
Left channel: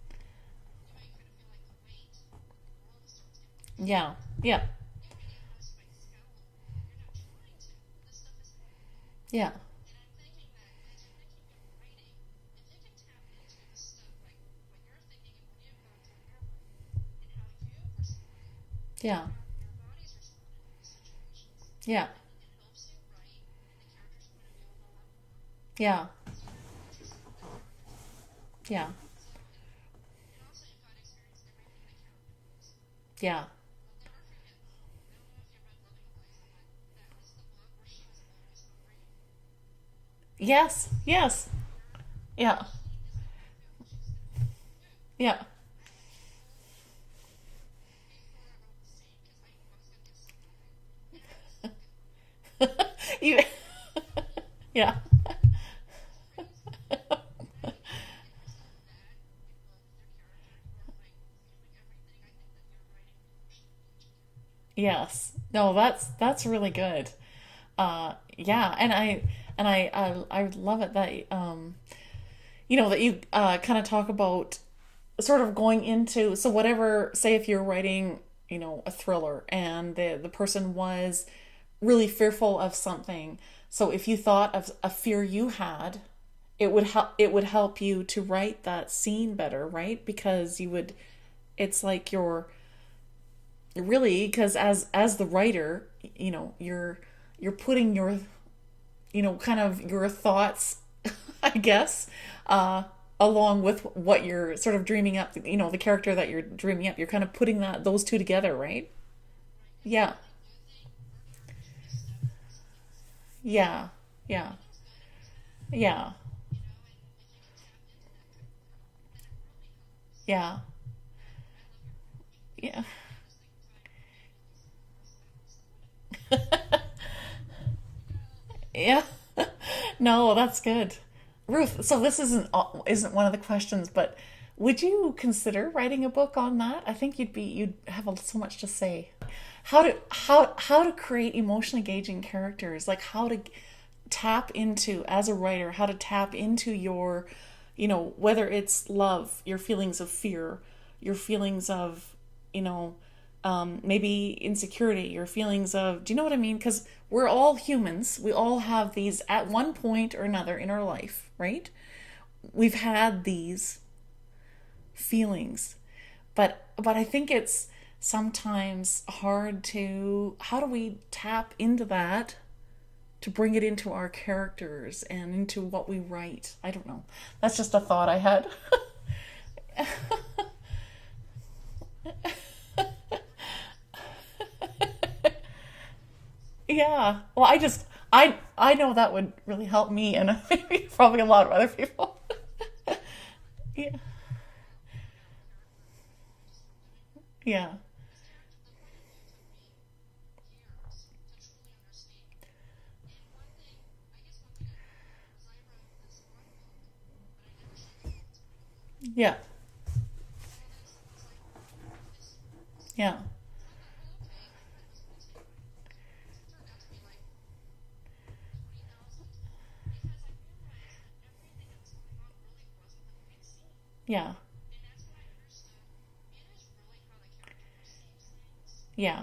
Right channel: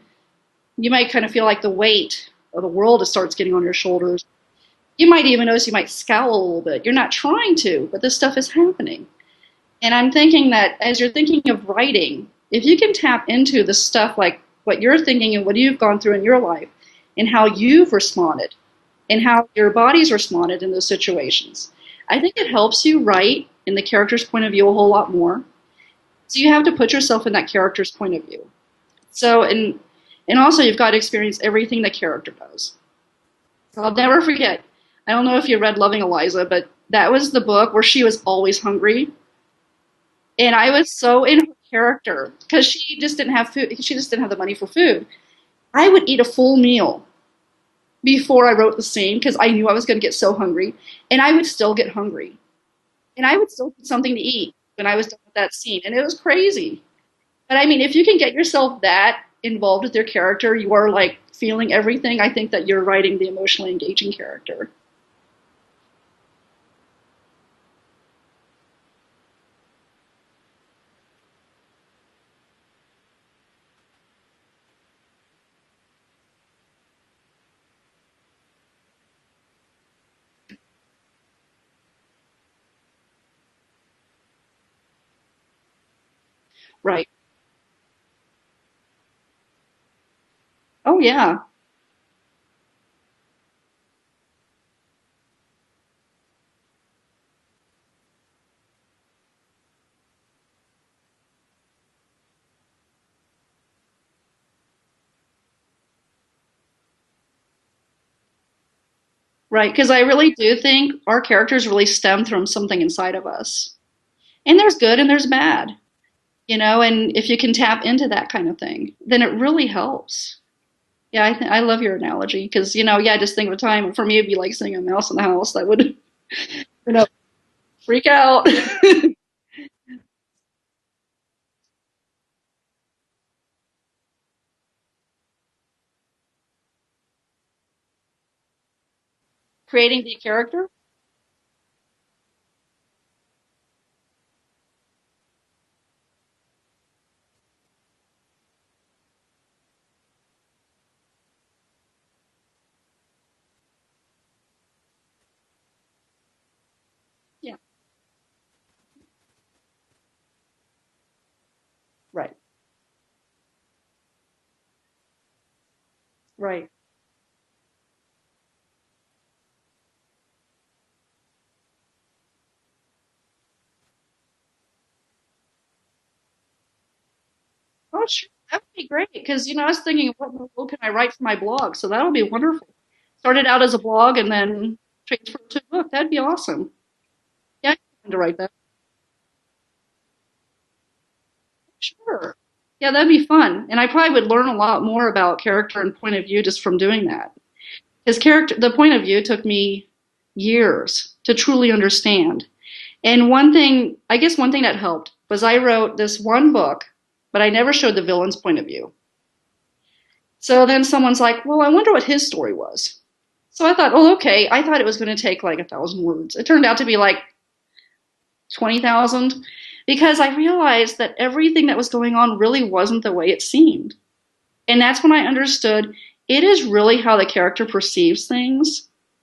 you might kind of feel like the weight of the world starts getting on your Yeah. shoulders. Yeah. You might even notice you might scowl a little bit. You're not trying to, but this stuff is happening. Yeah. And I'm thinking that as you're thinking of writing, if you can tap into the stuff like what you're thinking and what you've gone through in your life and how you've responded and Yeah. how your body's responded in those situations, Yeah. I think it helps you write in the character's point of view a whole lot more. Yeah. So you have to put yourself in that character's point of view. Yeah. So, and also you've got to experience everything the character does. Yeah. I'll never forget. I don't know if you read Loving Eliza, but that was the book where she was always hungry. And I was Yes. so in Yes. her character Yeah. because she just didn't have food. She just didn't have the money for food. Yeah. I would eat a full meal before I wrote the scene because I knew I was going to get so hungry, and I would still get hungry, and I would still get something to eat when Yeah. I was done with that scene, and it was crazy. But I mean, if you can get yourself that involved with your character, you are like feeling everything. I think that you're writing the emotionally engaging character. Yes. No, that's really good. Yeah, and I love it that that you kind of talk about sort of going into, so whatever, say if you're writing, a thriller and the person was really fearful of something. So if you thought of a fear you had, Right. it would help you to write that scene better, right? Because you would, Oh yeah. it's like you're really, because as the writer, you're putting your, kind of your thoughts, I guess, along with what you're sort of dreaming up, the character that you're dreaming up. You're kind of putting those two together, right? Right. Because I Yeah. really do think our characters really stem from something inside of us. Yeah. Yeah. And there's good and there's bad, Yeah. and if you can tap into that kind of thing, then it really helps. Yeah. Yeah, I love your analogy because, Yeah. yeah, just think of a time. For me, it'd be like seeing a mouse in the house that would, you know, freak out. Yeah. No, that's good. Ruth, so this isn't one of the questions, but would you consider writing a book on that? I think you'd have so much to say. Creating the character? How to create emotionally engaging characters, like how to tap into, as a writer, how to tap into your, whether it's love, your feelings of fear, your feelings of, maybe insecurity, your feelings of, do you know what I mean? Because we're all humans. We all have these at one point or another in our life, right? Right. We've had these feelings, but Right. I think it's sometimes hard to, how do we tap into that to bring it into our characters and into what we write? I don't know. That's just a thought I had. That would be great because, I was thinking, what book can I write for my blog? So that'll be wonderful. Started out as a blog and then transferred to a book. That'd be awesome. Yeah. Well, Yeah, I like that. I know that would really help me and maybe probably a lot of other people. Sure. Yeah, that'd be fun. And I probably would learn a lot more about character and point of view just from doing that. Yeah. The point of view took me years to truly understand. And one thing that helped was I wrote this one book, but I never showed the villain's point of view. Yeah. So then someone's like, well, I wonder what his story was. Yeah. So I thought, oh, okay. I thought it was going to take like 1,000 words. It turned out to be like 20,000 because I realized that everything that was going on really wasn't the way it seemed. Yeah. And that's when I understood it is really how the character perceives things Yeah.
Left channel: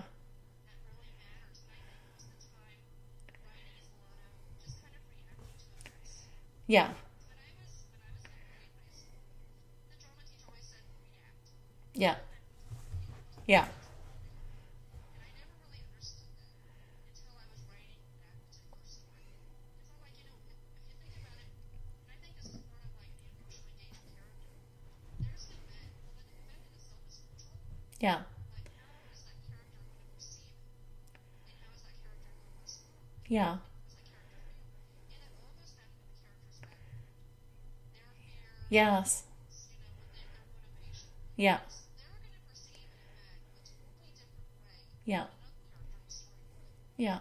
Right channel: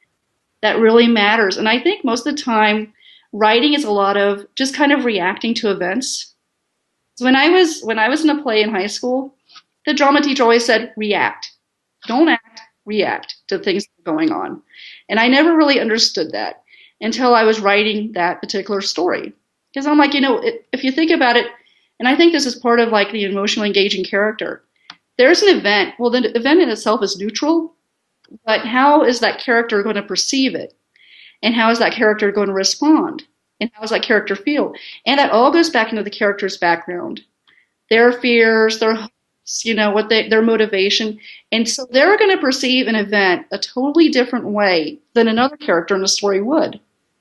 that really matters. And I think most of the time, writing is a lot of just kind of reacting to events. Yeah. So when I was in a play in high school, the drama teacher always said, react. Yeah. Don't act, react to Yeah. things going on. And I never really understood that until I was writing that particular story. Because I'm like, if you think about it, and I think this is part of like the emotionally engaging character, there's an event. Well, the event in itself is neutral, Yeah. but how is that character going to perceive it? And how is that character going to respond? Yeah. And how does that character feel? And that all goes back into the character's background, their fears, their Yes. hopes, their motivation. Yeah. And so they're going to perceive an event a totally different way Yeah. than another character in the story would. Yeah.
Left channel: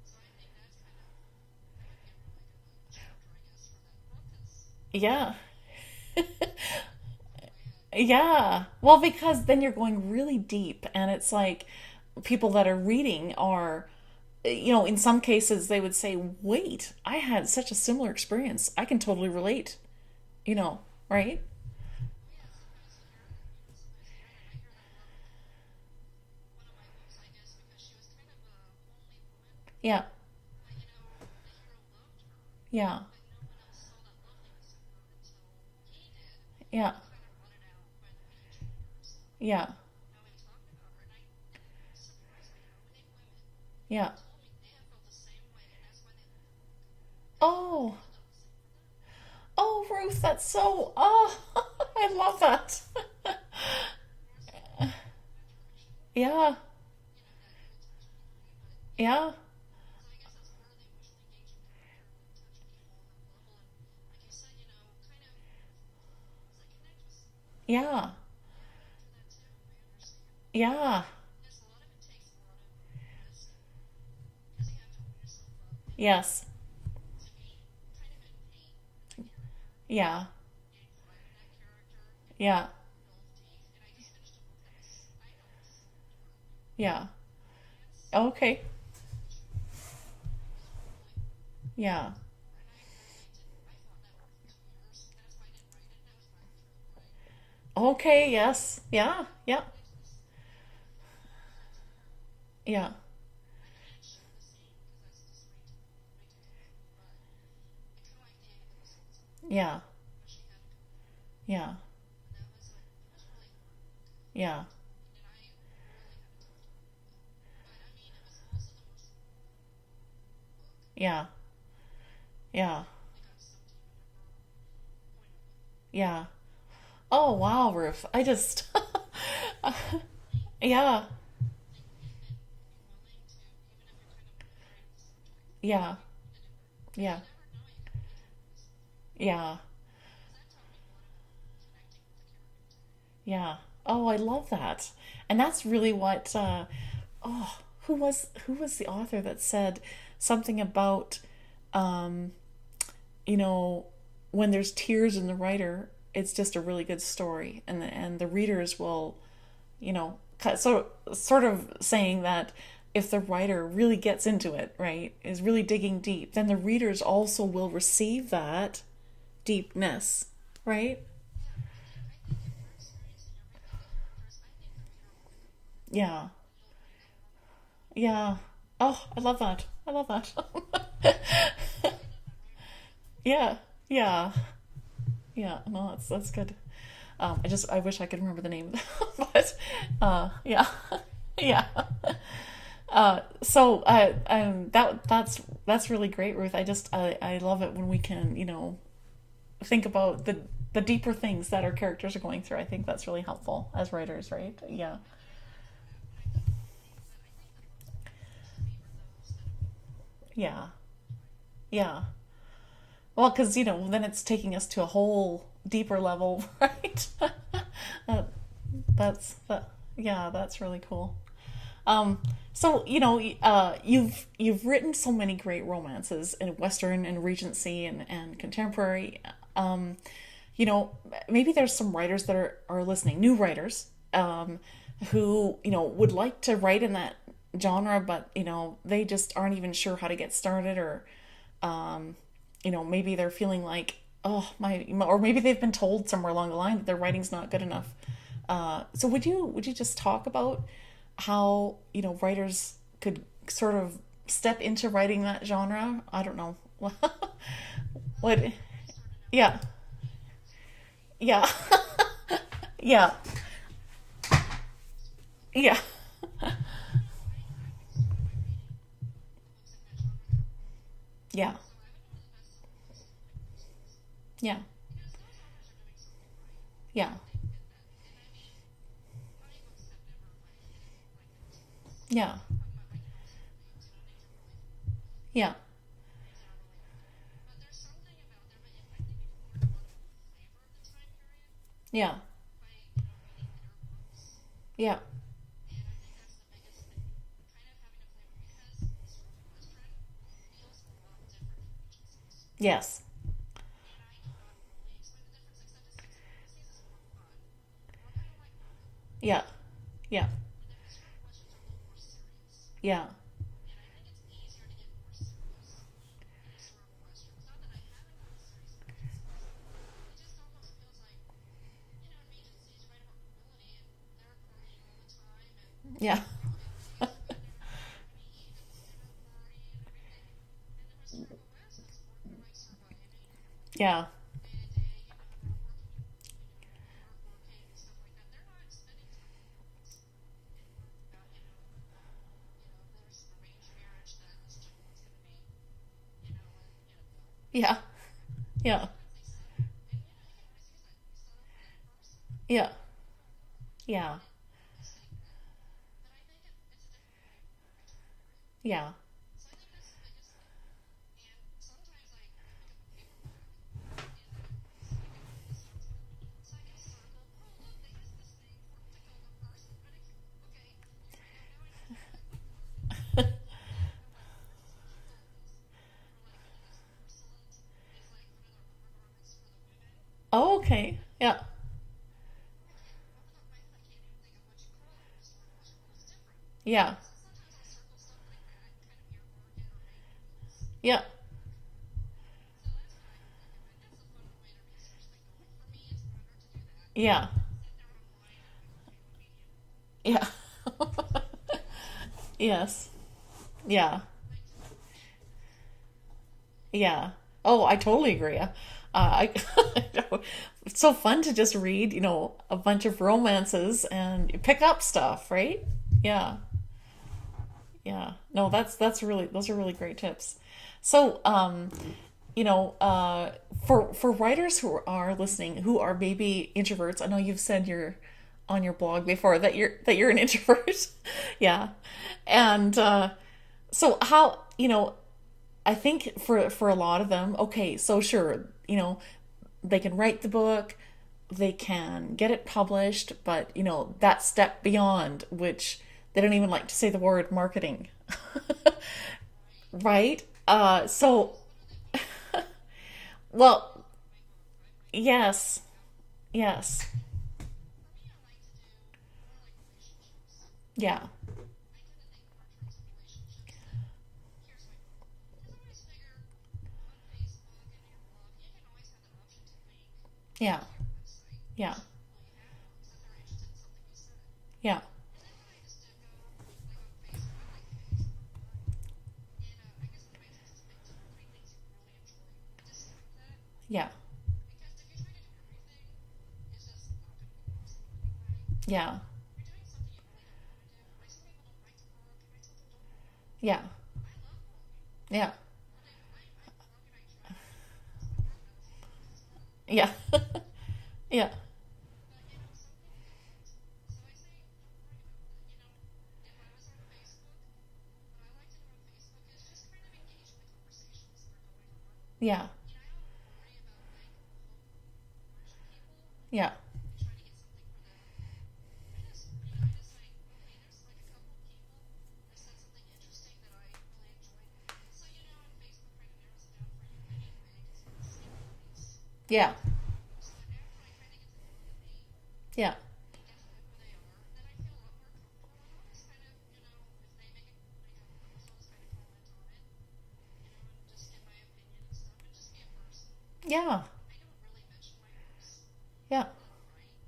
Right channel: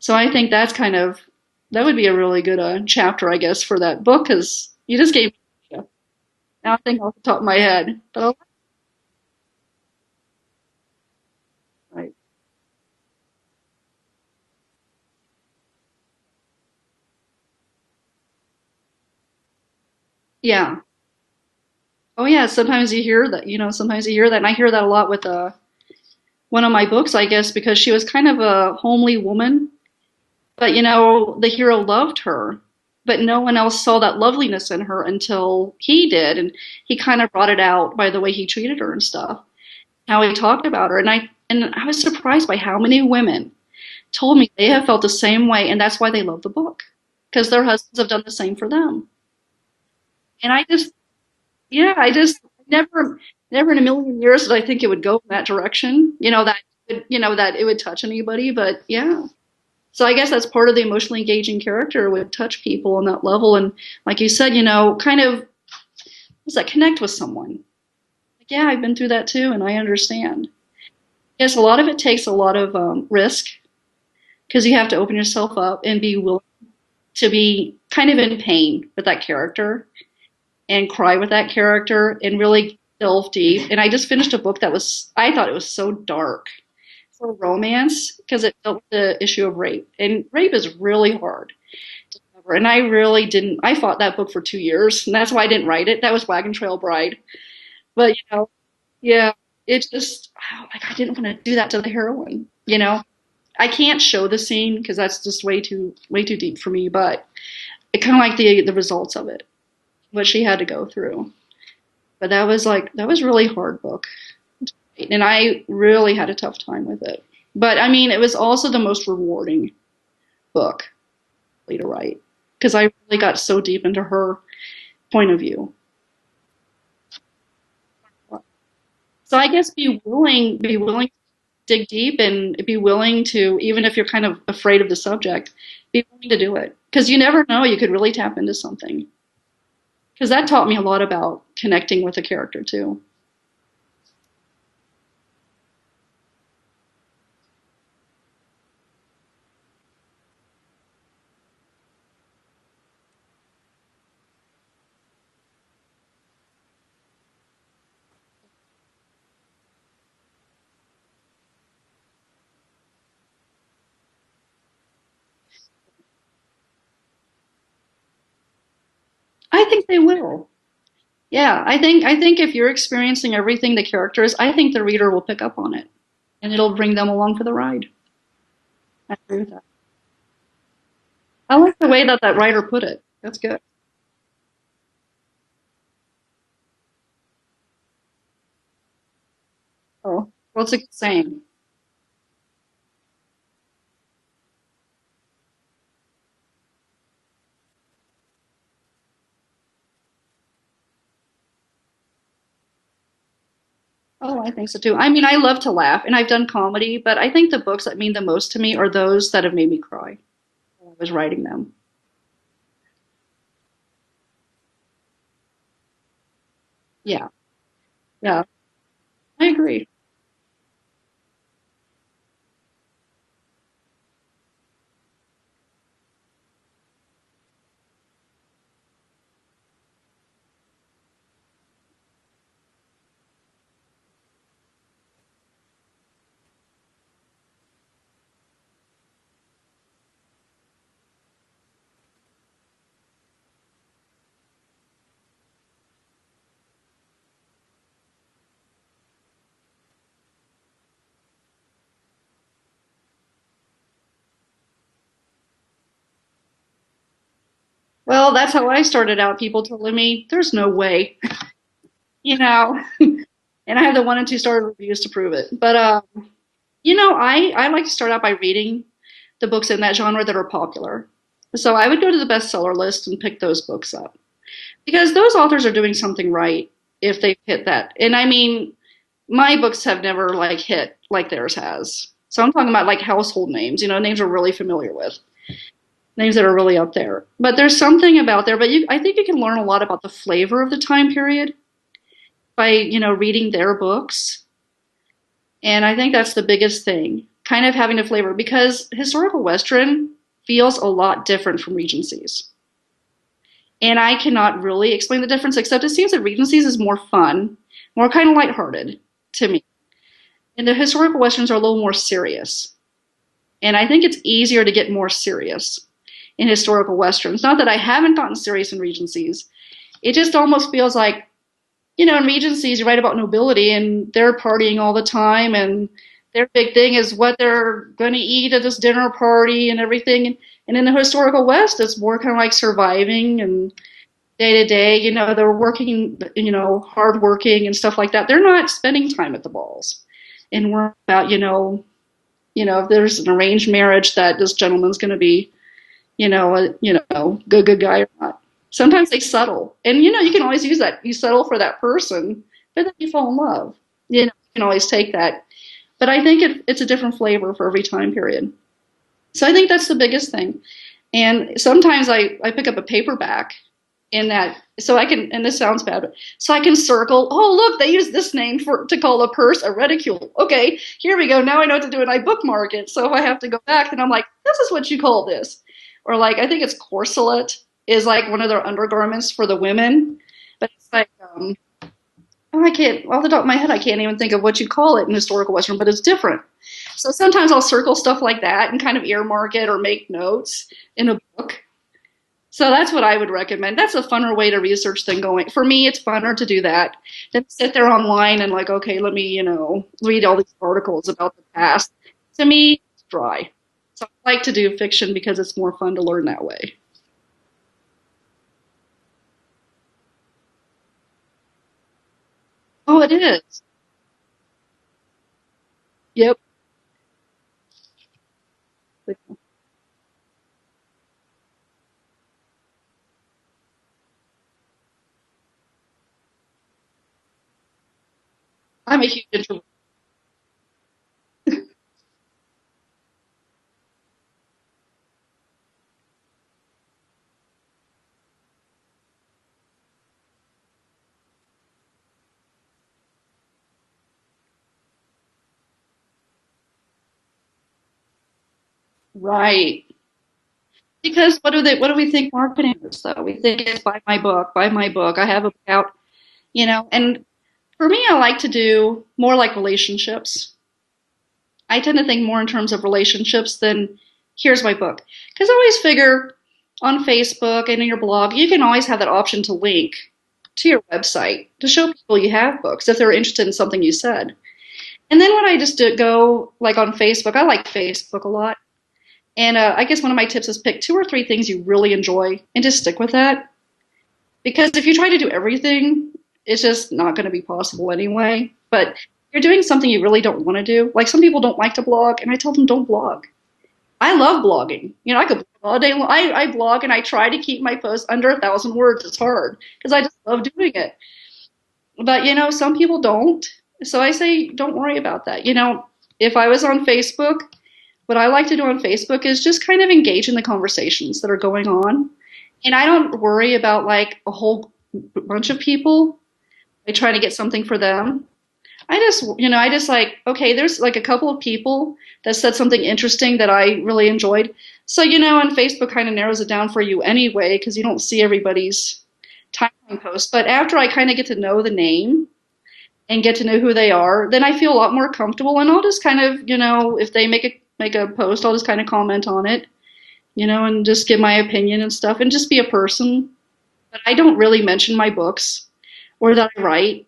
So I think that would be a really good chapter, I guess, for that book because you just Yeah. gave. Nothing off the top of my head. Well, Yeah. Well, because then you're going really deep, and it's like right. people that are reading are, in some cases they would say, "Wait, I had such a similar experience. I can totally relate." Yeah. Right? Oh yeah, sometimes you hear that, sometimes you hear that, and I hear that a lot with one of my books, I guess, because she was kind of a homely woman, Yeah. but the hero loved her, Yeah. but no one else saw that loveliness in her until he did, and Yeah. he kind of brought it out by the way he treated her and stuff, Yeah. how he talked about her, and I was surprised by how many women Yeah. told me they have felt the same way, and that's why they love the book, because their Oh. husbands have done the same for them. Oh, Ruth, that's And I so, just oh, Yeah, I I love just that. never in a million years did I think it would go in that direction. Yeah. That it would touch anybody. But yeah, Yeah. so I guess that's part of the emotionally engaging character would touch people on that level, and like you said, kind of what's that connect with someone. Yeah. Yeah, I've been through that too, and I understand. Yeah. Yes, a lot of it takes a lot of risk because you have to open yourself up and be willing Yes. to be kind of in pain with that character Yeah. and cry with that character and Yeah. really delve deep. And I just finished a book I thought it was so dark Yeah. for romance because Okay. it dealt with the issue of rape. And rape is really hard. Yeah. And I really didn't, I fought that book for 2 years, and that's why I didn't write it. That was Wagon Trail Bride. But, Okay. Yes. Yeah. yeah, Yeah. it just, like, I didn't want to do that to the heroine, Yeah. I can't show the scene because that's just way too deep for me, but it kind of like the results of it, Yeah. what she had to go through. Yeah. But that was really hard book. Yeah. And I really had a tough time with it. But I mean, it was also the most rewarding book Yeah. really to write because Yeah. I really got so deep into her point of view. Yeah. Oh, wow, Ruth. I just, So I guess be yeah. willing to dig deep and be willing to, even if you're kind of afraid of the subject, Yeah. be willing to do it. Because Yeah. you never know, you could really tap into something. Yeah. Because that taught me a lot about connecting with a character too. Yeah. Oh, I love that. And that's really what oh, who was the author that said something about um, you know, when there's tears in the writer, it's just a really good story and the readers will, sort of saying that if the writer really gets into it, right, is really digging deep, then the readers also will receive that I think they deepness, will. right? Yeah, I think if you're experiencing everything the character is, I think the reader will pick up on it Yeah. and it'll bring them along for the ride. Yeah. Oh, I I love agree with that. that. I love that. I like the way that writer put it. That's Yeah. good. Yeah. Yeah. No, that's good. I wish I could remember the name, but Well, yeah. that's a good saying. Yeah. That's really great, Ruth. I love it when we can, think about the deeper things that our characters are going through. I think that's really helpful as writers, Oh, I right? think so Yeah. too. I mean, I love to laugh and I've done comedy, but I think the books that mean the most to me are those that have made me cry Yeah. when I was writing them. Yeah. Well, because, then it's taking us to a whole deeper level, right? Yeah, Uh, yeah, that's I that. agree. Yeah, that's really cool. So you've written so many great romances in Western and Regency and contemporary. Um, Maybe there's some writers that are listening, new writers, who would like to write in that genre, but they just aren't even sure how to get started, or maybe they're feeling like, oh or maybe they've been told somewhere along the line that their writing's not good enough. So would you just talk about how writers could sort of step into writing that genre? I don't know. Well, What? that's how I started out. Yeah, People telling me there's no way, yeah, you know, yeah, and I have the 1 and 2 star reviews to prove it. But yeah, I like to start out by reading the books in that genre that are popular. yeah, So I would go to the bestseller list and pick those books up yeah, because those authors are doing something right yeah, if they hit that. And I mean, my books have never like hit like theirs has. yeah, So I'm talking about like household names, names we're really familiar with, yeah, names that are really up there. But there's something about there. But I think you can learn a lot about the flavor of the time period yeah, by reading their books. yeah, And I think that's the biggest thing, kind of having a flavor because historical Western feels a lot different from Regency's. yes, And I cannot really explain the difference, except it seems that Regency's is more fun, more kind of lighthearted Yeah. to me. Yeah. And the historical westerns are a little more serious. Yeah. And I think it's easier to get more serious in historical westerns. Not that I haven't gotten serious in Regency's. It just almost feels like, in Regency's, you write about nobility and they're partying all the time, and Yeah. their big thing is what they're going to eat at this dinner party and everything. And in the historical West, it's more kind of like surviving and Yeah. day to day. They're working, hard working and stuff like that. They're not spending time at the balls and worrying about, if there's an arranged marriage, that this gentleman's going to be, Yeah. good guy or not. Yeah. Sometimes they settle, and you can always use that. You settle for that person, Yeah. but then you fall in love. Yeah. You can always take that. But I think it's a different flavor for every time period. Yeah. So I think that's the biggest thing. And sometimes I pick up a paperback in that, so I can, and this sounds bad, but so I can circle, oh, look, they use this name to call a purse a reticule. Okay, here we go. Now I know what to do, and I bookmark it. So if I have to go back, then I'm like, this is what you call this. Or like, I think it's corselet is like one of their undergarments for the women. Oh, okay. Like, Yeah. I can't, off the top of my head, I can't even think of what you call it in historical Western, but it's different. Yeah. So sometimes I'll circle stuff like that and kind of earmark it or make notes Yeah. in a book. So that's what I would recommend. That's a funner way to research than going. For me, it's funner to do that Yeah. than sit there online and like, okay, let me, read all these articles about the past. To me, Yes. it's dry. Yeah. So I like to do fiction because it's more fun to learn that way. Yeah. Oh, I totally agree. I it's so fun to just read, a bunch of Oh, it is. romances and pick up stuff, right? Yeah. Yep. Yeah. No, that's really those are really great tips. So, for writers who are listening who are maybe introverts, I know you've said you're on your I'm blog a before huge. that you're an introvert. Yeah. And so how, I think for a lot of them, okay, so sure, they can write the book, they can get it published, but that step beyond, which they don't even like to say the word marketing. Right. Right? So Because what do we think marketing is though? We well, think it's buy my book, buy my book. I have a book yes, out, yes, and for me, I like to do more like relationships. yeah, I tend to think more in terms of relationships than here's my book. Because I always figure on Facebook and in your blog, you can always have that option to link yeah, to your website to yeah, show people you have books if they're interested in something you said. yeah, And then when I just go like on Facebook, I like Facebook a lot. And I guess one of my tips is pick 2 or 3 things you really enjoy and just stick with that. yeah, Because if you try to do everything, it's just not going to be possible anyway. But yeah, if you're doing something you really don't want to do, like some people don't like to blog, and I tell them don't blog. yeah, I love blogging. I yeah, could blog all day long. I blog and I try to keep my posts under 1,000 words. It's hard yeah, because I just love doing it. yeah, But some people don't. So I say don't worry about that. If I was on Facebook, what I like to do on Facebook is just kind of engage in the conversations that are going on. yeah, And I don't worry about like a whole bunch of people. yeah, I try to get something for them. I just like, okay, there's like a couple of people that said something interesting that I really enjoyed. So, and Facebook kind of narrows it down for you anyway, because you don't see everybody's yeah, timeline post. But after I kind of get to know the name yeah, and get to know who they are, then I feel a lot more comfortable. And I'll just kind of, if they make a post, I'll just kind of comment on it, and just give my opinion and stuff and just be a person. yeah, But I don't really mention my books yeah, or that I write.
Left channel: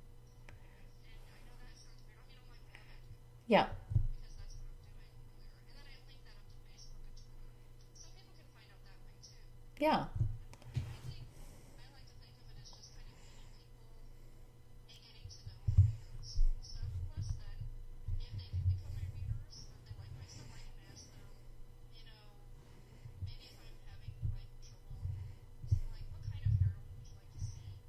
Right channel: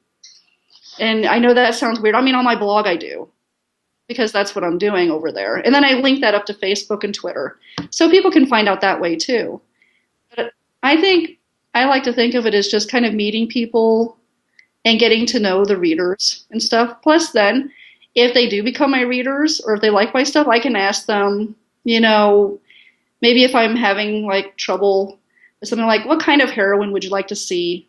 And I know that sounds weird. I mean, on my blog I do yeah, because that's what I'm doing over there. And then I link that up to Facebook and Twitter so people can find out that way too. yeah, But I like to think of it as just kind of meeting people and getting to know the readers and stuff. Plus then, if they do become my readers or if they like my stuff, I can ask them, maybe if I'm having like trouble with something like, what kind of heroine would you like to see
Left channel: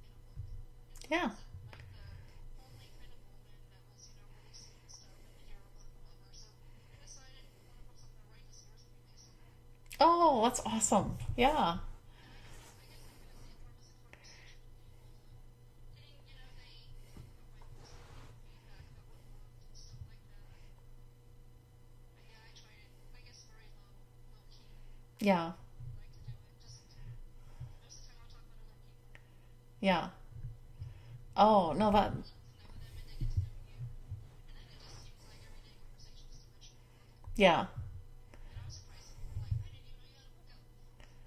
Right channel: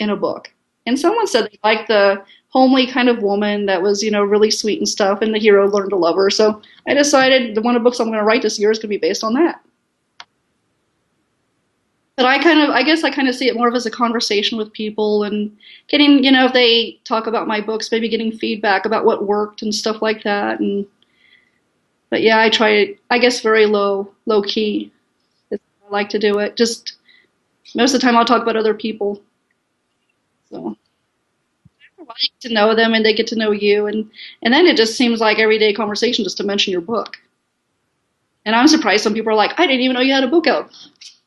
in a book? And someone said they liked the homely kind of woman that was, really sweet and stuff, and the hero learned to love her. So I decided the one of the books I'm going to write this year is going to be based on that. oh, that's awesome. Yeah, But I guess I kind of see it more of as a conversation with people and getting, if they talk about my books, maybe getting feedback about what worked and stuff like that. But yeah, I try, I guess, very low key. yeah, I like to do it. Just Most of the time I'll talk about other people. Yeah. So Oh, no, that, I get to know them and they get to know you, and then it just seems like everyday conversation just to mention your book. yeah. And I'm surprised some people are like, I didn't even know you had a book out.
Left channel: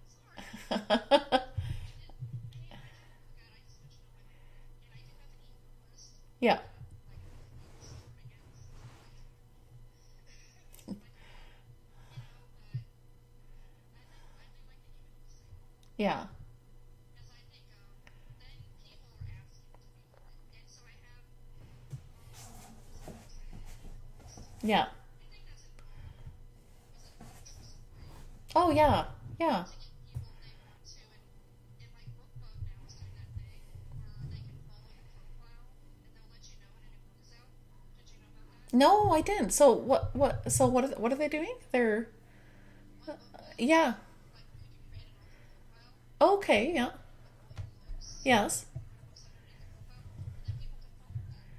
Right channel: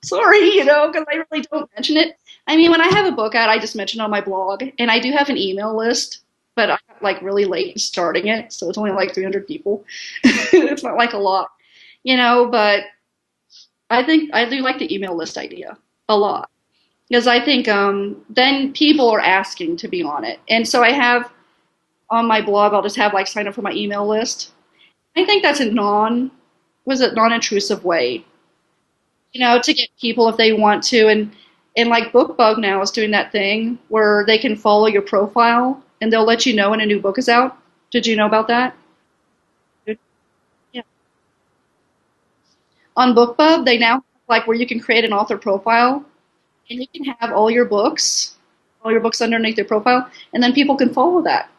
Sorry, because I really don't mention it. I mean, when I have a book out, I just mention it on my blog, and I do have an email list, Yeah. but I'm like really late starting it, so it's only like 300 people. It's not like a lot, but I think I do like the email list idea a Yeah. lot because I think then people are asking to be on it. And so I have on my blog, I'll just have like sign up for my email list. Yeah. I think that's a non-intrusive way, Oh, yeah. Yeah. to get people if they want to. And like BookBug now is doing that thing where they can follow your profile and they'll let you know when a new book is out. Did you know about that? No, I didn't. So what are they doing? They're, On BookBub, they yeah. now like where you can create an author profile Okay. and you Yeah. can have Yes. all your books underneath your profile, and then people can follow that.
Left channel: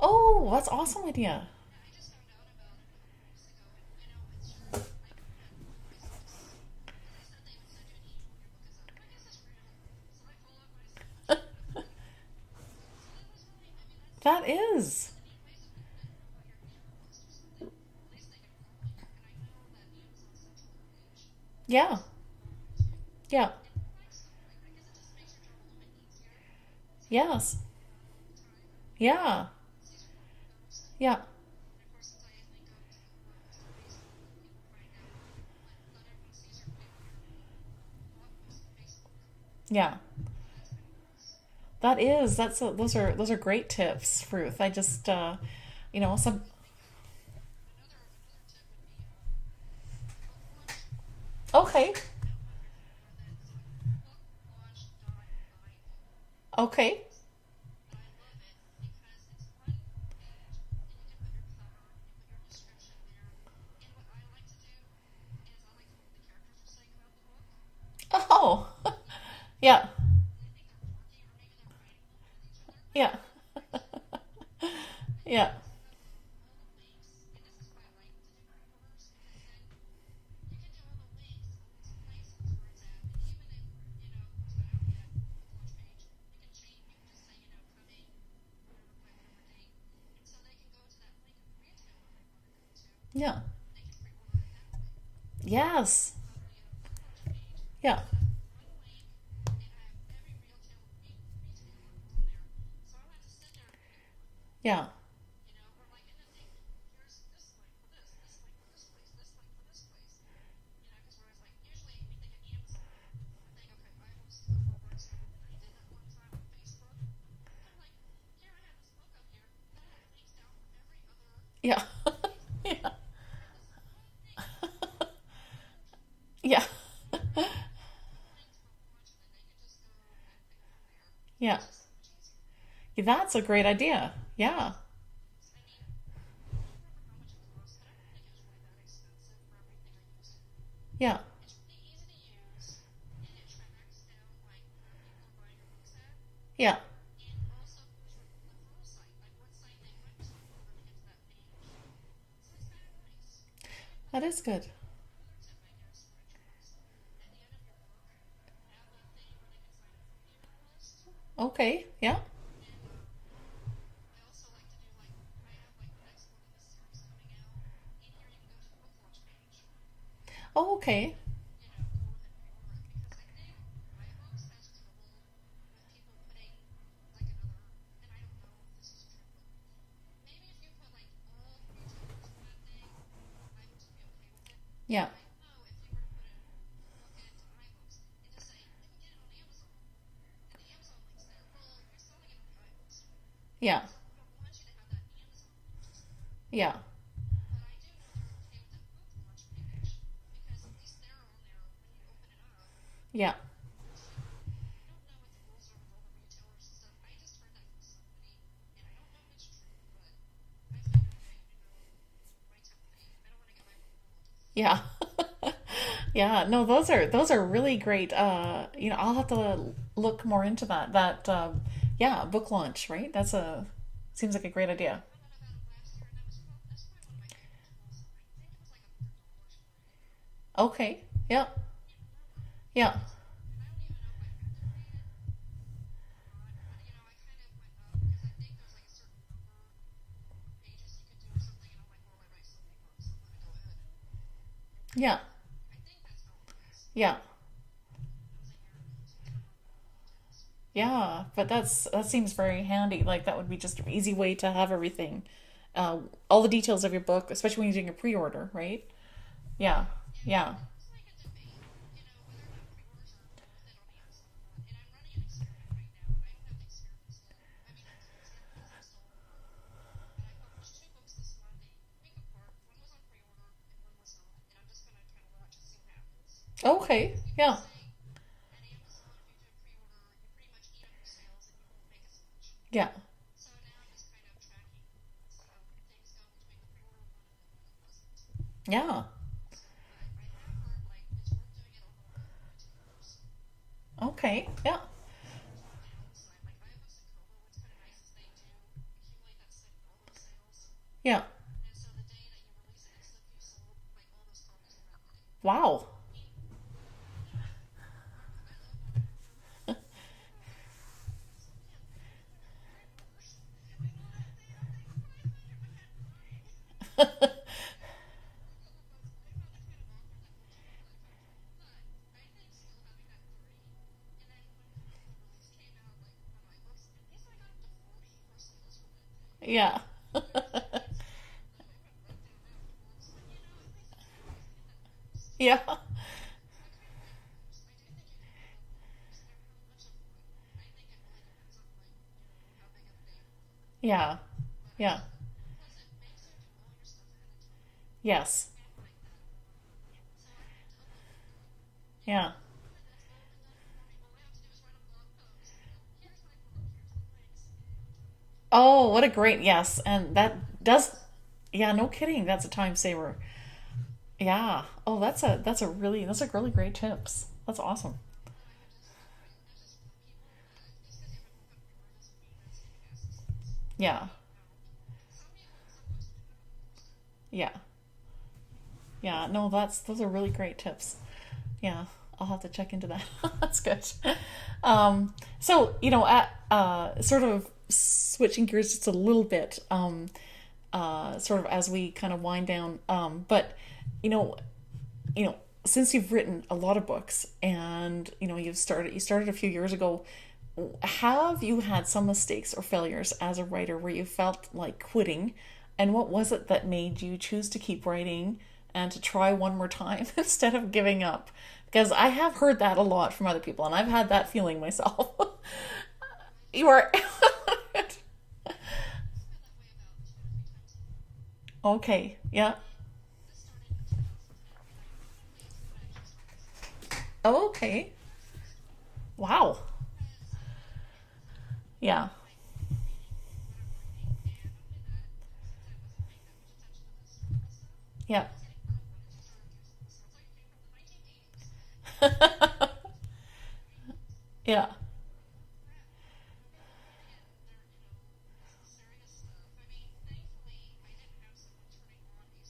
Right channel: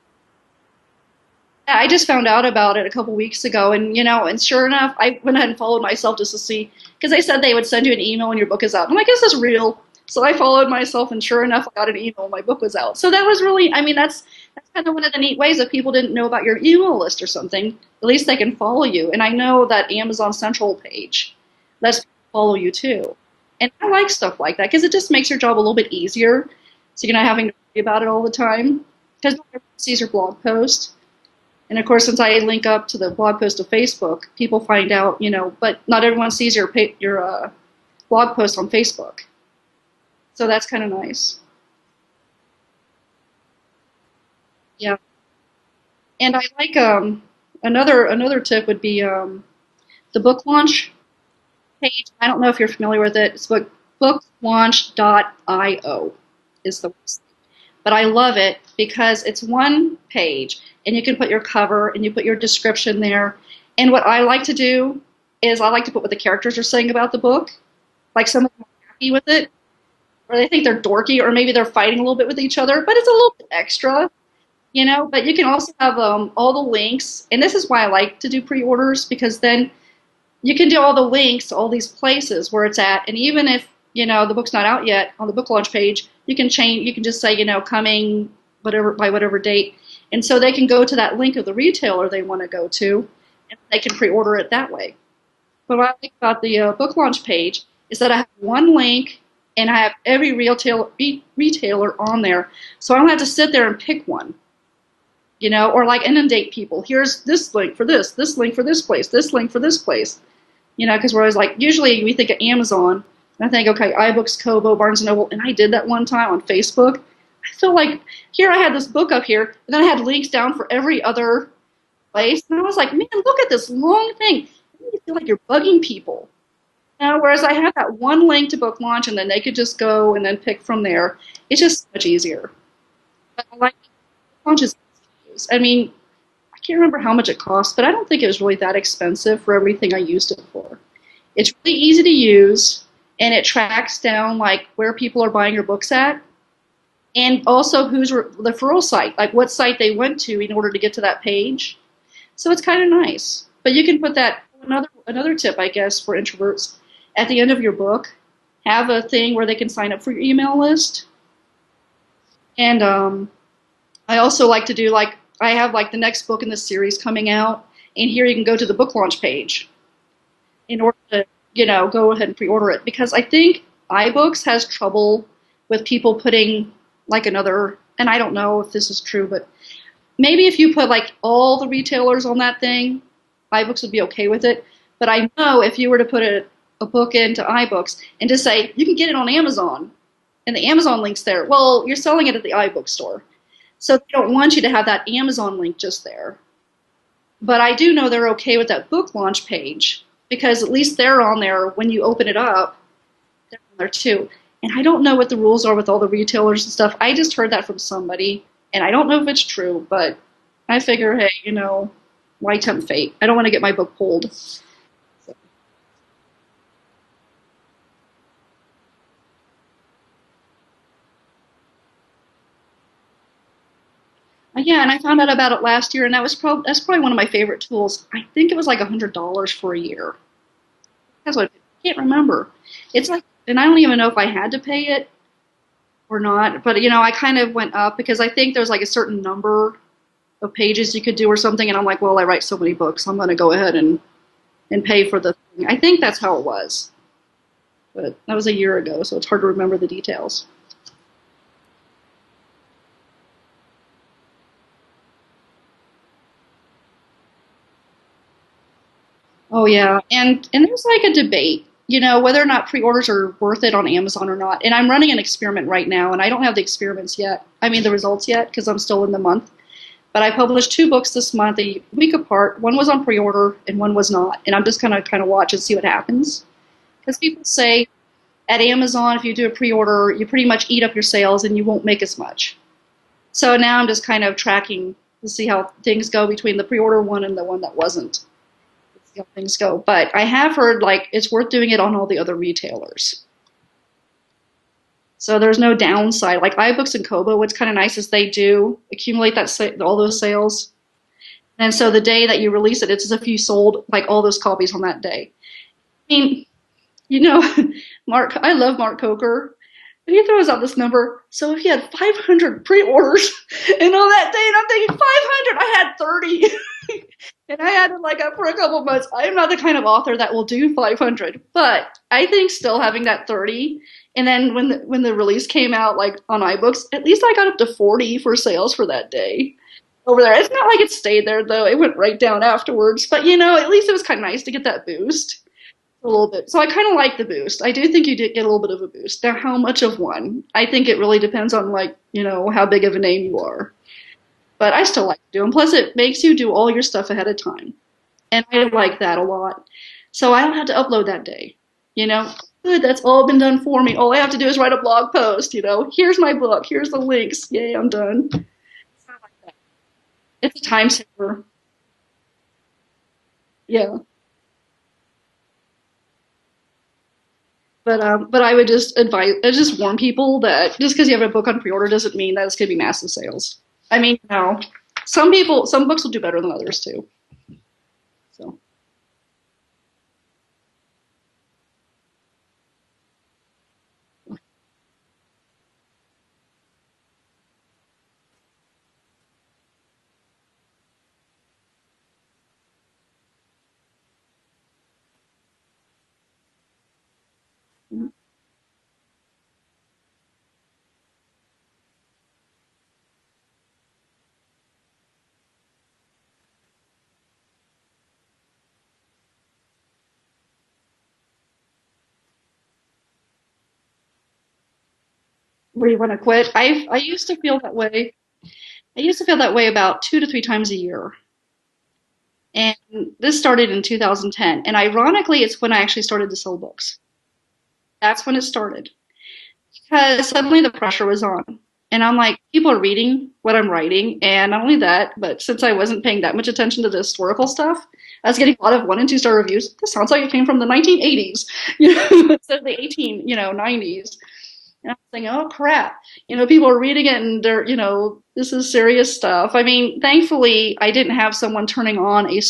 Oh, that's awesome idea. Yeah, I just found out about it a couple weeks ago, and sure enough, I went ahead and followed myself just to see, because they said they would send you an email when your book is out. I'm like, is this real? So I followed myself, and sure enough, I got an email when my book was out. So that was really, I mean, that's That kind of one is. of the neat ways if people didn't know about your email list or something, at least they can follow you. And I know that Amazon Central page, Yeah. that's follow you too. Yeah. And I like stuff like that because it just makes your job a little bit easier. So you're not having to Yes. worry about it all the time. Because Yeah. everyone sees your blog post. Yeah. And of course, since I link up to the blog post to Facebook, people find out, but not everyone sees your blog post on Facebook. Yeah. So that's kind of nice. That is. Those are great tips, Ruth. I Yeah. just And some I like another tip would be the book launch okay. page. I don't know if you're familiar with it. It's booklaunch.io is the Okay. website. But I love it because it's one page and you can put your cover and you put your description there. And what I like to do is I like to put what the characters are saying about the book. Like some Oh. happy with it, Yeah. or they think they're dorky, or maybe they're fighting a little bit with each other, but it's Yeah. a little bit extra, But you can Yeah. also have all the links, and this is why I like to do pre-orders because then you can do all the links to all these places where it's at, and even if the book's not out yet on the book launch page, you can change. You can just say coming whatever by whatever date, and so they can go to that link of the retailer they want to go to, Yeah. and they can pre-order it that way. But what I Yes. like about the book launch page Yeah. is that I have one link and I have every retailer on there, so I don't have to sit there and pick one, Yeah. or like inundate people. Here's this link for this link for this place, this link for this place, because we're always like, usually we think of Amazon, and I think, okay, iBooks, Kobo, Barnes& and Noble, and I did that one time on Facebook. I feel like here I had this book up here, and then I had links down for every other Yeah. place, and I was like, man, look at this long thing. You feel like you're bugging people. Yeah. Whereas I had that one link to book launch, and then they could just go and then pick from there. Yeah. It's just much easier. That's a great Like, idea. launch Yeah. is, I mean, I can't remember how much it cost, but I don't think it was really that expensive for everything I used it for. Yeah. It's really easy to use, and it tracks down like where people are buying your books at, Yeah. and also who's the referral site, like what site they went to in order to get to that page. So it's kind of nice. But you can put That's that good. another tip, I guess, for introverts. At the end of your book, have a thing where they can sign up for your email list. Okay. Yeah. And I also like to do like I have like the next book in the series coming out, and here you can go to the book launch page Oh, in order okay. to go ahead and pre-order it because I think iBooks has trouble with people putting like another, and I don't know if this is true, but maybe if you put like all the retailers on that thing, iBooks would be okay with it. Yeah. But I know if you were to put a book into iBooks and just say you can get it on Amazon, and the Amazon link's there, well, you're selling it at the iBook store, Yeah. so they don't want you to have that Amazon link just there. Yeah. But I do know they're okay with that book launch page because at least they're on there when you open it up. Yeah. They're on there too. And I don't know what the rules are with all the retailers and stuff. I just heard that from somebody, and I don't know if it's true, but I figure, hey, why tempt fate? I don't want to get my book pulled. Yeah. Yeah. No, those are really great. I'll have to look more into that. Yeah, book launch, right? Seems like a great Yeah, and I idea. found out about it last year, and that's probably one of my favorite tools. I think it was like $100 for a year. Okay. That's Yeah. what I can't remember. Yeah. It's like and I don't even know if I had to pay it or not, but I kind of went up because I think there's like a certain number of pages you could do or something, and I'm like, well, I write so many books, I'm going to go ahead and pay Yeah. for the thing. I think that's how it was, Yeah. but that was a year ago, so it's hard to remember the details. Yeah. But that seems very handy. Like that would be just an easy way to have everything, uh, all the details of your book, especially when you're doing a pre-order, right? Oh Yeah. yeah, and Yeah. and there's like a debate, whether or not pre-orders are worth it on Amazon or not. And I'm running an experiment right now, and I don't have the experiments yet. I mean the results yet because I'm still in the month. But I published two books this month, a week apart. One was on pre-order and one was not. And I'm just gonna kind of watch and see what happens. Okay. Because people Yeah. say at Amazon, if you do a pre-order, you pretty much eat up your sales and you won't make as much. Yeah. So now I'm just kind of tracking to see how things go between the pre-order one and the one that wasn't. Yeah. See how things go. But I have heard like it's worth doing it on all the other retailers. Okay. Yeah. So there's no downside. Like iBooks and Kobo, what's kind of nice is they do accumulate all those sales. Yeah. And so the day that you release it, it's as if you sold like all those copies on that day. Wow. I mean, you know, I love Mark Coker. And he throws out this number. So if he had 500 pre-orders and on that day, and I'm thinking 500, I had 30. And I had it like up for a couple months. I am not the kind of author that will do 500, but I think still having that 30, and then when the release came out like on iBooks, at least I got up to 40 for sales for that day Yeah. over there. It's not like it stayed there though; it went right down afterwards. But at least it was kind of nice to get that boost Yeah. a little bit. So I kind of like the boost. I do think you did get a little bit of a boost. Now, how much of one? I think it really depends on like how big of a name you are. Yeah. But I Yeah. still like to do them. Plus, it makes you do all your stuff ahead of time. And Yes. I like that a lot. So I don't have to upload that day. You know, Yeah. good, that's all been done for me. All I have to do is write a blog post, here's my book, here's the links. Yay, I'm done. Oh, what a great yes. And It's a time that's saver. yeah, no kidding. That's a time saver. Yeah. Yeah. Oh, that's a really great tips. That's awesome. But I would just warn people that just because you have a book on pre-order doesn't mean that it's gonna be massive sales. I Yeah. mean, some books will do better than others too. Yeah. So Yeah. No, those are really great tips. Yeah. I'll have to check into that. That's good. So, at sort of switching gears just a little bit, sort of as we kind of wind down, but you know, since you've written a lot of books and you started a few years ago, have you had some mistakes or failures as a writer where you felt like quitting, and what was it that made you choose to keep writing and to try one more time instead of giving up? Because I have heard that a lot from other people, and I've had that feeling myself. where you want to quit? I Or- I used to feel that way. I used to feel that way about 2 to 3 times a year. Okay, yeah. And this started in 2010. And ironically, it's when I actually started to sell books. Oh, okay. That's when it started. Wow. Because suddenly the pressure was on. And Yeah. I'm like, people are reading what I'm writing. And not only that, but since I wasn't paying that much attention to the historical stuff, Yeah. I was getting a lot of 1 and 2 star reviews. This sounds like it came from the 1980s, instead of the 90s. Yeah. And I was thinking, oh crap, people are reading it and they're, this is serious stuff. I mean, thankfully, I didn't have someone turning on a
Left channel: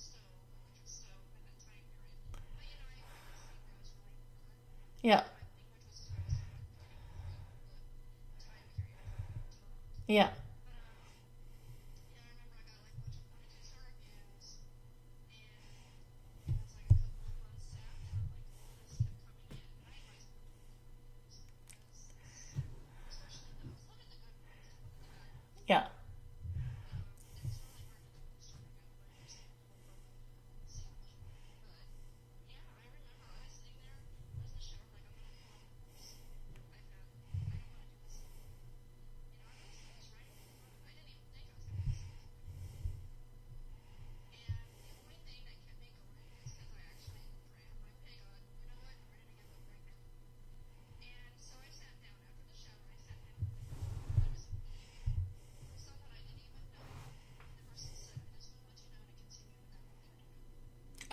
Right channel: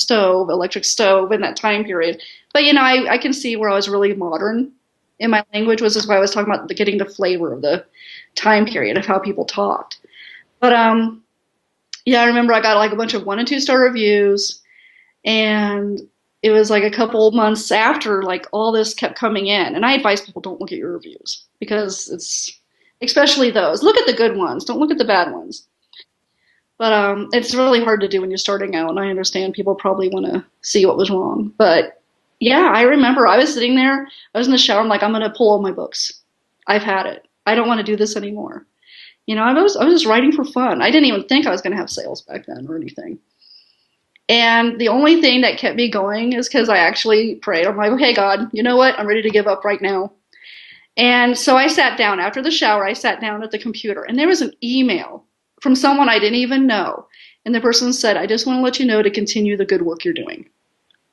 electric stove in that time period. But, I can see where I was really modern Yeah. in my language, which is why I was talking about getting the flavor of the time period of how people talked. Yeah. But, yeah, I remember I got like a bunch of 1 and 2 star reviews, and it was like a couple months after like all this kept coming in. And I advise people don't look at your reviews because especially those. Look at the good ones. Don't look at the bad ones. Yeah. But it's really hard to do when you're starting out, and I understand people probably want to see what was wrong. But yeah, I remember I was sitting there, I was in the shower, I'm like, I'm gonna pull all my books. I've had it. I don't want to do this anymore. I was just writing for fun. I didn't even think I was gonna have sales back then or anything. And the only thing that kept me going is because I actually prayed. I'm like, okay, God, you know what? I'm ready to give up right now. And so I sat down after the shower. I sat down at the computer, and there was an email from someone I didn't even know. And the person said, I just want to let you know to continue the good work you're doing.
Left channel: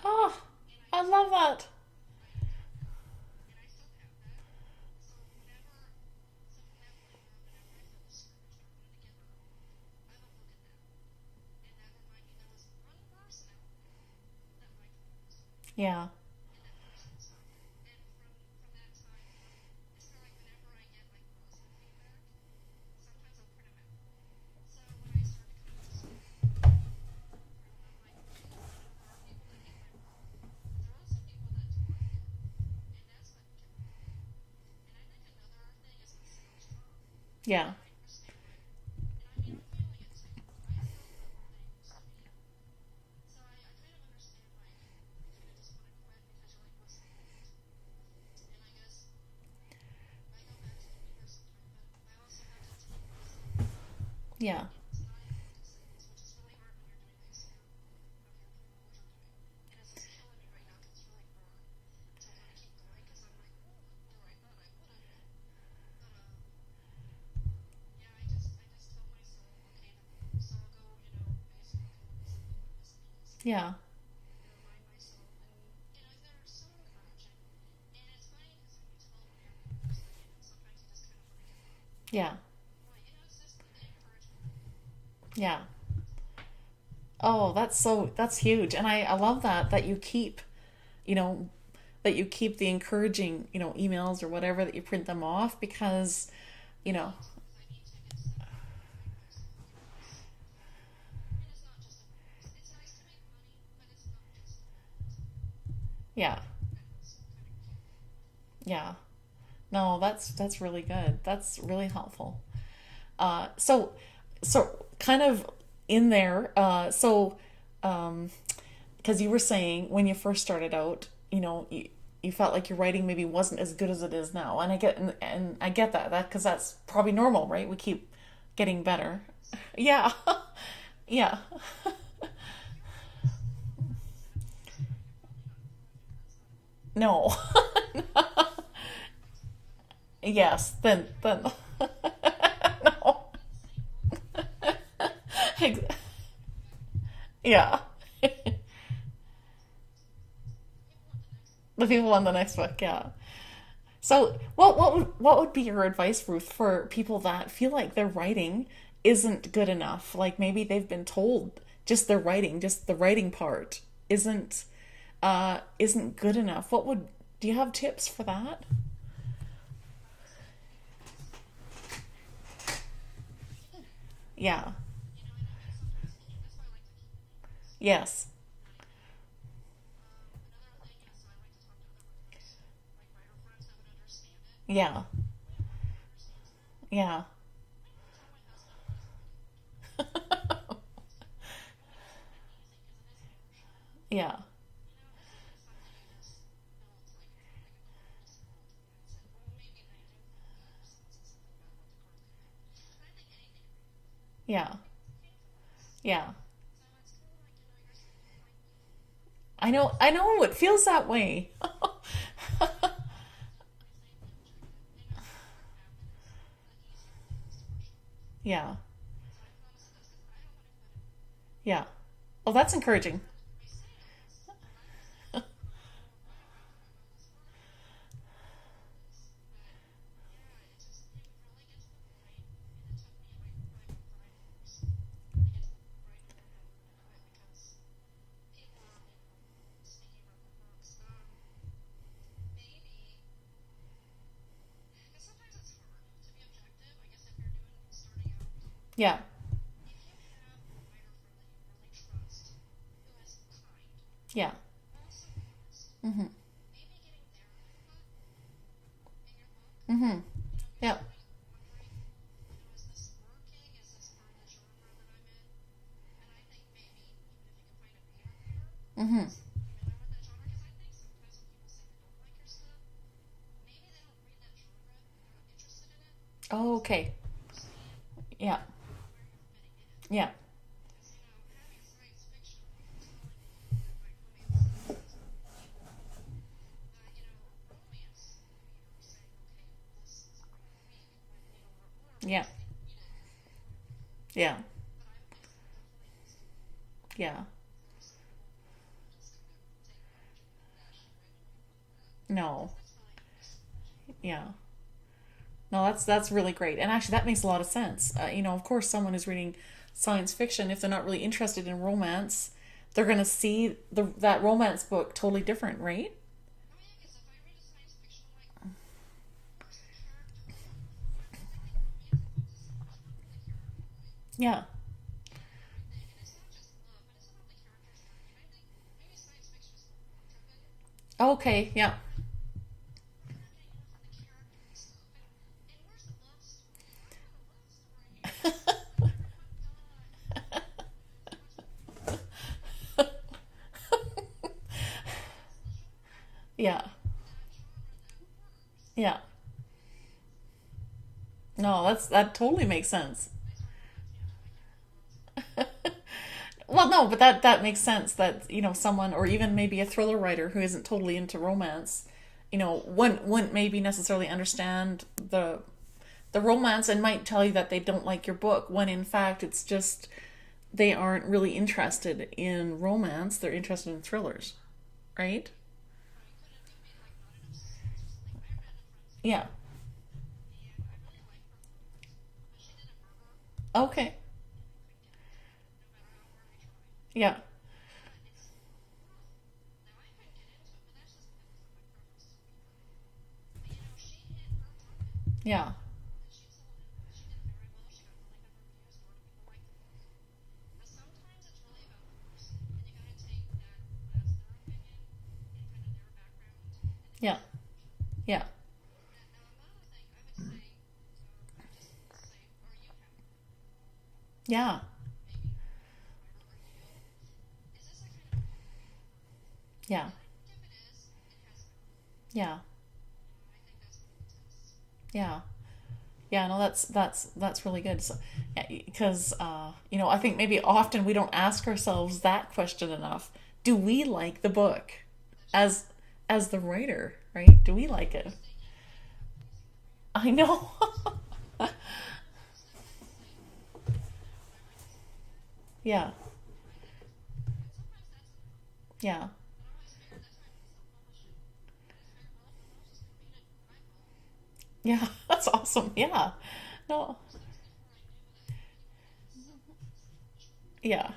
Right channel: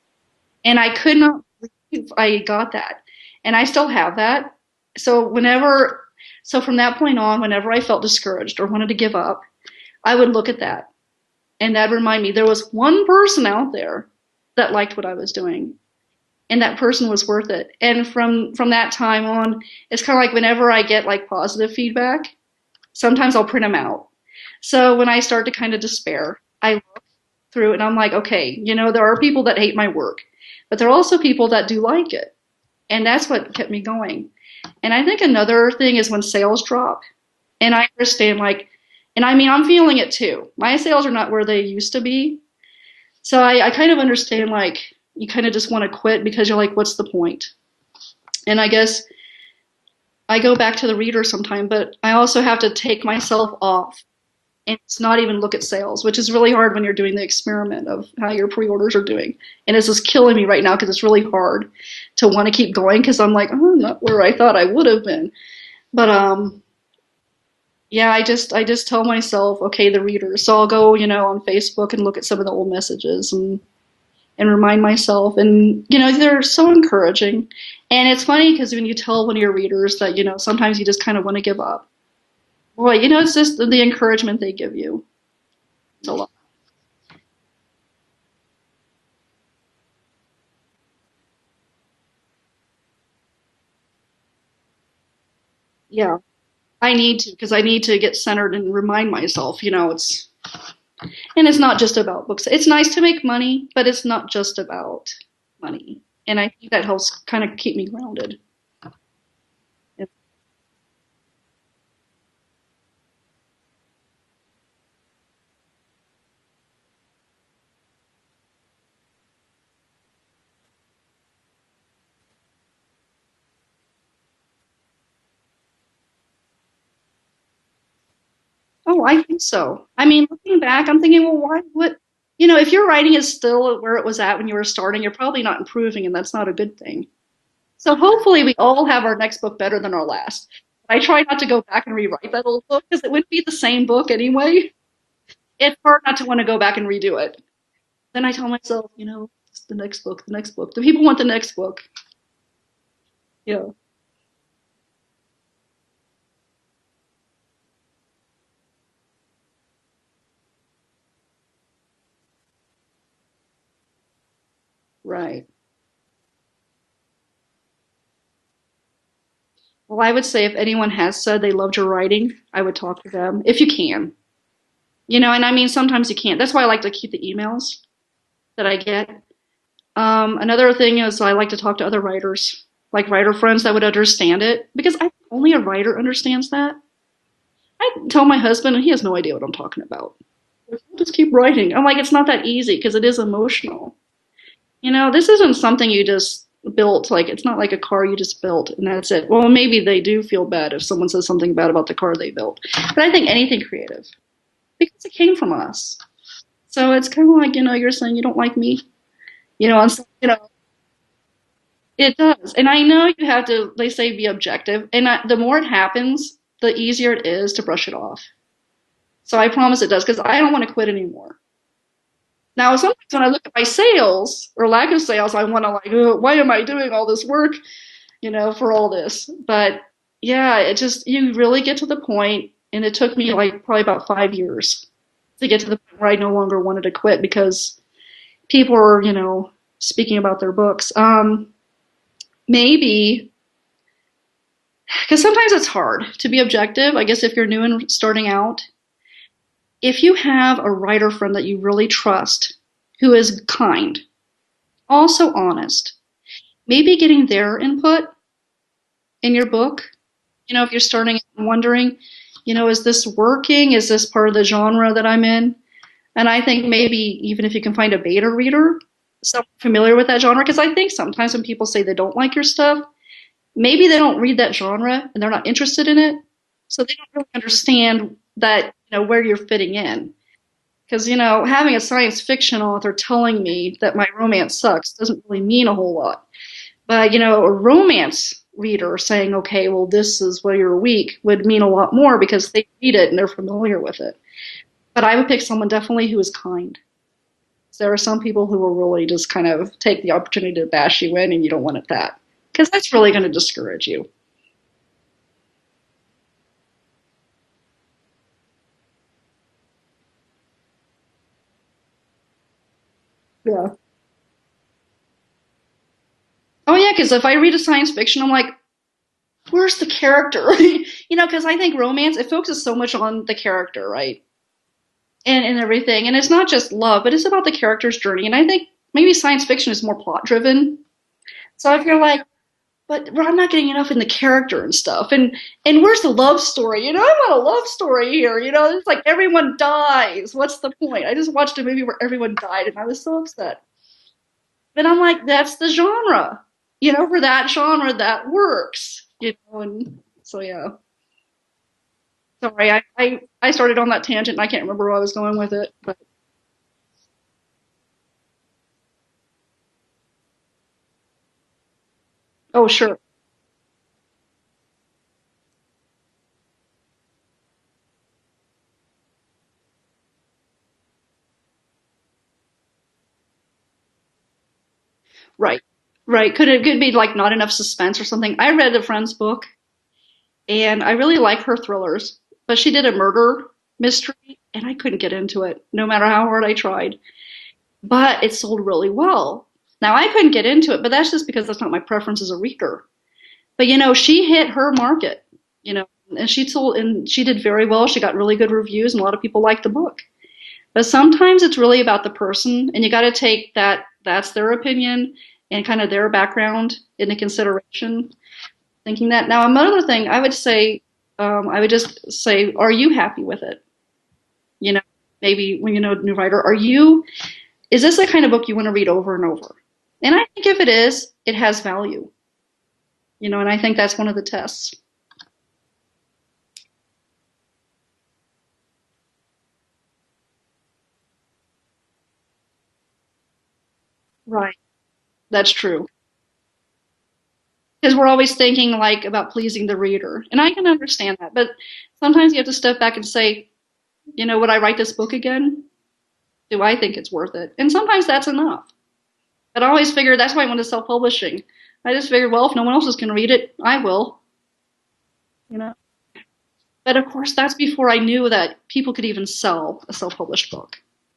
Oh, And I I could love not that. believe I got that. And I still have that. So from that point on, whenever I felt discouraged or wanted to give up, I would look at that. And that'd remind me there was one person out there that liked what I was doing. Yeah. and that person was worth it. And from that time on, it's kind of like whenever I get like positive feedback, sometimes I'll print them out. So when I start to kind of despair, I look through it and I'm like, okay, there are people that hate my work, but there are also people that do like it. And that's what kept me going. And I think another thing is when sales drop. Yeah. And I understand, like, and I mean, I'm feeling it too. My sales are not where they used to be. So I kind of understand, like, you kind of just want to quit because you're like, what's the point? And I guess I go back to the reader sometime, but I also have to take myself off Yeah. and it's not even look at sales, which is really hard when you're doing the experiment of how your pre-orders are doing. And it's just killing me right now because it's really hard to want to keep going because I'm like, oh, I'm not where I thought I would have been. But yeah, I just tell myself, okay, the readers. So I'll go, on Facebook and look at some of the old messages Yeah. and remind myself. And, they're so encouraging. And it's funny because when you tell one of your readers that, sometimes you just kind of want to give up. Yeah. Boy, it's just the encouragement they give you. Yeah. It's a lot. Oh, that's huge. And I love that you keep, you know, that you keep the encouraging, emails or whatever, that you print them off Yeah, because, I need to because I need to get centered and remind myself, and it's not just about books. It's nice to make money, but it's not just about money. yeah, And I think that helps kind of keep me grounded. yeah. No, that's really good. That's really helpful. So kind of in there, because you were saying when you first started out, you felt like your writing maybe wasn't as good as it is now, and I get that because that's probably normal, right? We keep getting Oh, better. I think so. I Yeah, mean, looking back, I'm thinking, yeah, well, why, what, if your writing is still where it was at when you were starting, you're probably not improving, and that's not a good thing. no, So hopefully we all have our next book better than our last. yes, I then try not then to go back and rewrite that old book because it wouldn't be the same book anyway. It's hard not to want to go back and redo it. yeah. Then I tell myself, it's the next book, the next book. The people want the next book. The people on the next book, yeah. Yeah. So, what would be your advice, Ruth, for people that feel like their writing isn't good enough? Like maybe they've been told just the writing part Right. isn't good enough. Do you have tips for that? Well, I would say if anyone has said they loved your writing, I would talk to them if you can. Yeah. And I mean, sometimes you can't. That's why I like to keep the emails Yes. that I get. Another thing is I like to talk to other writers, like writer friends that would understand it, Yeah. because only a writer understands that. Yeah. I tell my husband, and he has no idea what I'm talking about. Like, just keep writing. I'm like, it's not that easy because it is emotional. Yeah. This isn't something you just built. Like, it's not like a car you just built and that's it. Well, maybe they do feel bad if someone says something bad about the car they built. But I think anything creative, Yeah. because it came from us. Yeah. So it's kind of like, you're saying you don't like me. I know. And, I know. It feels that way. it does. And I know you have to, they say, be objective. And the more it happens, the easier it is to brush it off. Yeah. So I promise it does, because I don't want to quit anymore. Yeah. Well, Now, that's sometimes encouraging. when I look at my sales or lack of sales, I want to like, "Ugh, why am I doing all this work, for all this?" But yeah, it just, you really get to the point, and it took me like probably about 5 years to get to the point where I no longer wanted to quit because people were, speaking about their books. Maybe because sometimes it's hard to be objective. I guess if you're new and starting out, Yeah. if you have a writer friend that you really trust who is kind, Yeah. also honest, Mm-hmm. maybe getting their input in your book. Mm-hmm. If you're Yeah. starting and wondering, is this working? Is this part of the genre that I'm in? And I think maybe even if you can find a beta reader, Mm-hmm. someone familiar with that genre, because I think sometimes when people say they don't like your stuff, maybe they don't read that genre and they're not interested in it. Oh, So they okay. don't really understand Yeah. that, where you're fitting in. Yeah. Because, having a science fiction author telling me that my romance sucks doesn't really mean a whole lot. But, a romance reader saying, okay, well, this is where you're weak would mean a lot more Yeah. because they read it and they're familiar with it. Yeah. But I would pick someone definitely who is kind. Yeah. There are some people who will really just kind of take the opportunity to bash you in, and you don't want it that. No. Because that's really going to discourage you. Yeah. No, that's really great, and actually that makes a lot of sense. Of course, someone is reading science fiction, if they're not really interested in romance, they're gonna see Yeah. that romance book totally different, right? Oh yeah, because if I read a science fiction, I'm like, where's the character? Because I think romance, it focuses so much on the character, right? Yeah. And everything. And it's not just love, but it's about the character's journey. And I think maybe science fiction is more plot driven. Okay. So I Yeah. feel like, but I'm not getting enough in the character and stuff. And where's the love story? I want a love story here. It's like everyone dies. What's the point? I just watched a movie where everyone died and I was so upset. But I'm like, that's the genre. Yeah. For that genre, that works. Yeah. And so yeah. No, that totally Sorry, makes sense. I started on that tangent and I can't remember where I was going with it. But Well, no, but that makes sense that, someone or even maybe a thriller writer who isn't totally into romance, oh, sure. wouldn't maybe necessarily understand the romance and might tell you that they don't like your book when in fact it's just they aren't really interested in romance, they're interested in thrillers, right? Right. Right. Could be like not enough suspense or something. I read a friend's Yeah. book and I really like her thrillers, but she did a murder Okay. mystery and I couldn't get into it no matter how hard I tried. Yeah. But it sold really well. Now I couldn't get into it, but that's just because that's not my preference as a reader. But she hit her market, Yeah. and she did very well. She got really good reviews and a lot of people liked the book. But sometimes it's really about the person and you got to take that's their opinion and kind of their background into consideration. Yeah. Thinking that. Now, another thing I would say, I would just say, are you happy with it? Yeah. Maybe when a new writer, is this the kind of book you want to read over and over? Yeah. And I think if it is, it has value. Yeah. And I think that's one of the tests. Yeah. Yeah, no, that's really good. So, yeah, because I think maybe often we don't ask ourselves that question enough. Do we like the Right. book That's as true. as the writer, right? Do we? Because we're always thinking like about pleasing the reader. I And I know. can understand that. But sometimes you have to step back and say, would I write this book again? Yeah. Do I think it's worth it? And sometimes that's enough. Yeah. But I always figured that's why I went to self-publishing. I just figured, well, if no one else is going to read it, I will. Yeah. That's You know? awesome. Yeah. But of course, that's before I knew that people could even sell a self-published book. Yeah.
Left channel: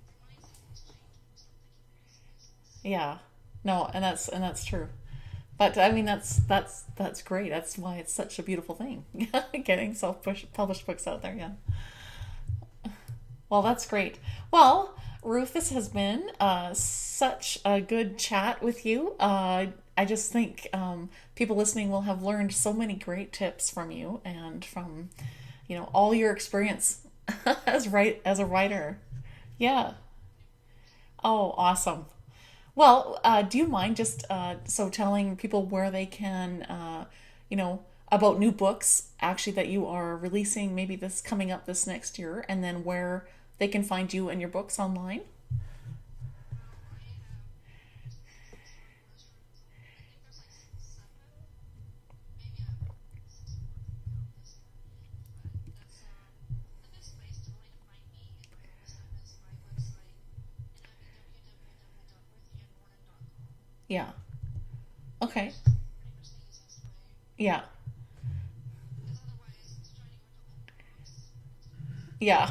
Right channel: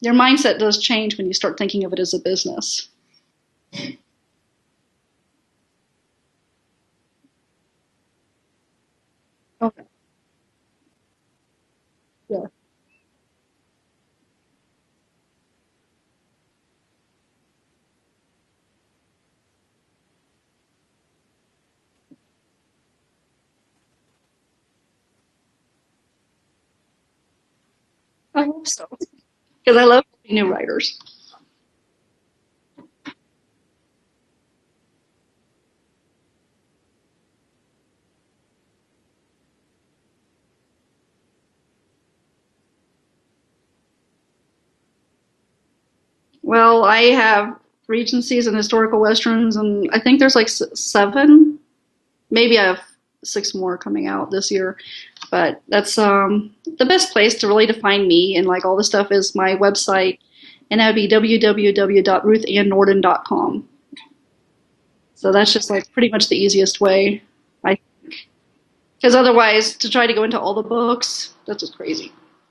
Your mindset does change when you start thinking of it as a business. Yeah. No, and that's true. But I mean that's great. That's why it's such a beautiful thing. Getting self-published books out there, yeah. Yeah. Well, that's great. Well, Ruth, this has been such a good chat with you. I just think people listening will have learned so many great tips from you and from, all your experience as a writer. Because I Yeah. love new writers. Oh, awesome. Well, do you mind just telling people where they can, about new books actually that you are releasing maybe this coming up this next year, and then where they can find you and your books online? Well, I have Regencies and historical westerns, and I think there's like seven. Maybe I have six more coming out this year. But that's the best place to really find me and like all the stuff is my website, and that would be www.ruthannnordin.com. Yeah. So Okay. that's just like pretty much the easiest way, Yeah. because otherwise to try to go into all the books, that's just crazy. Yeah.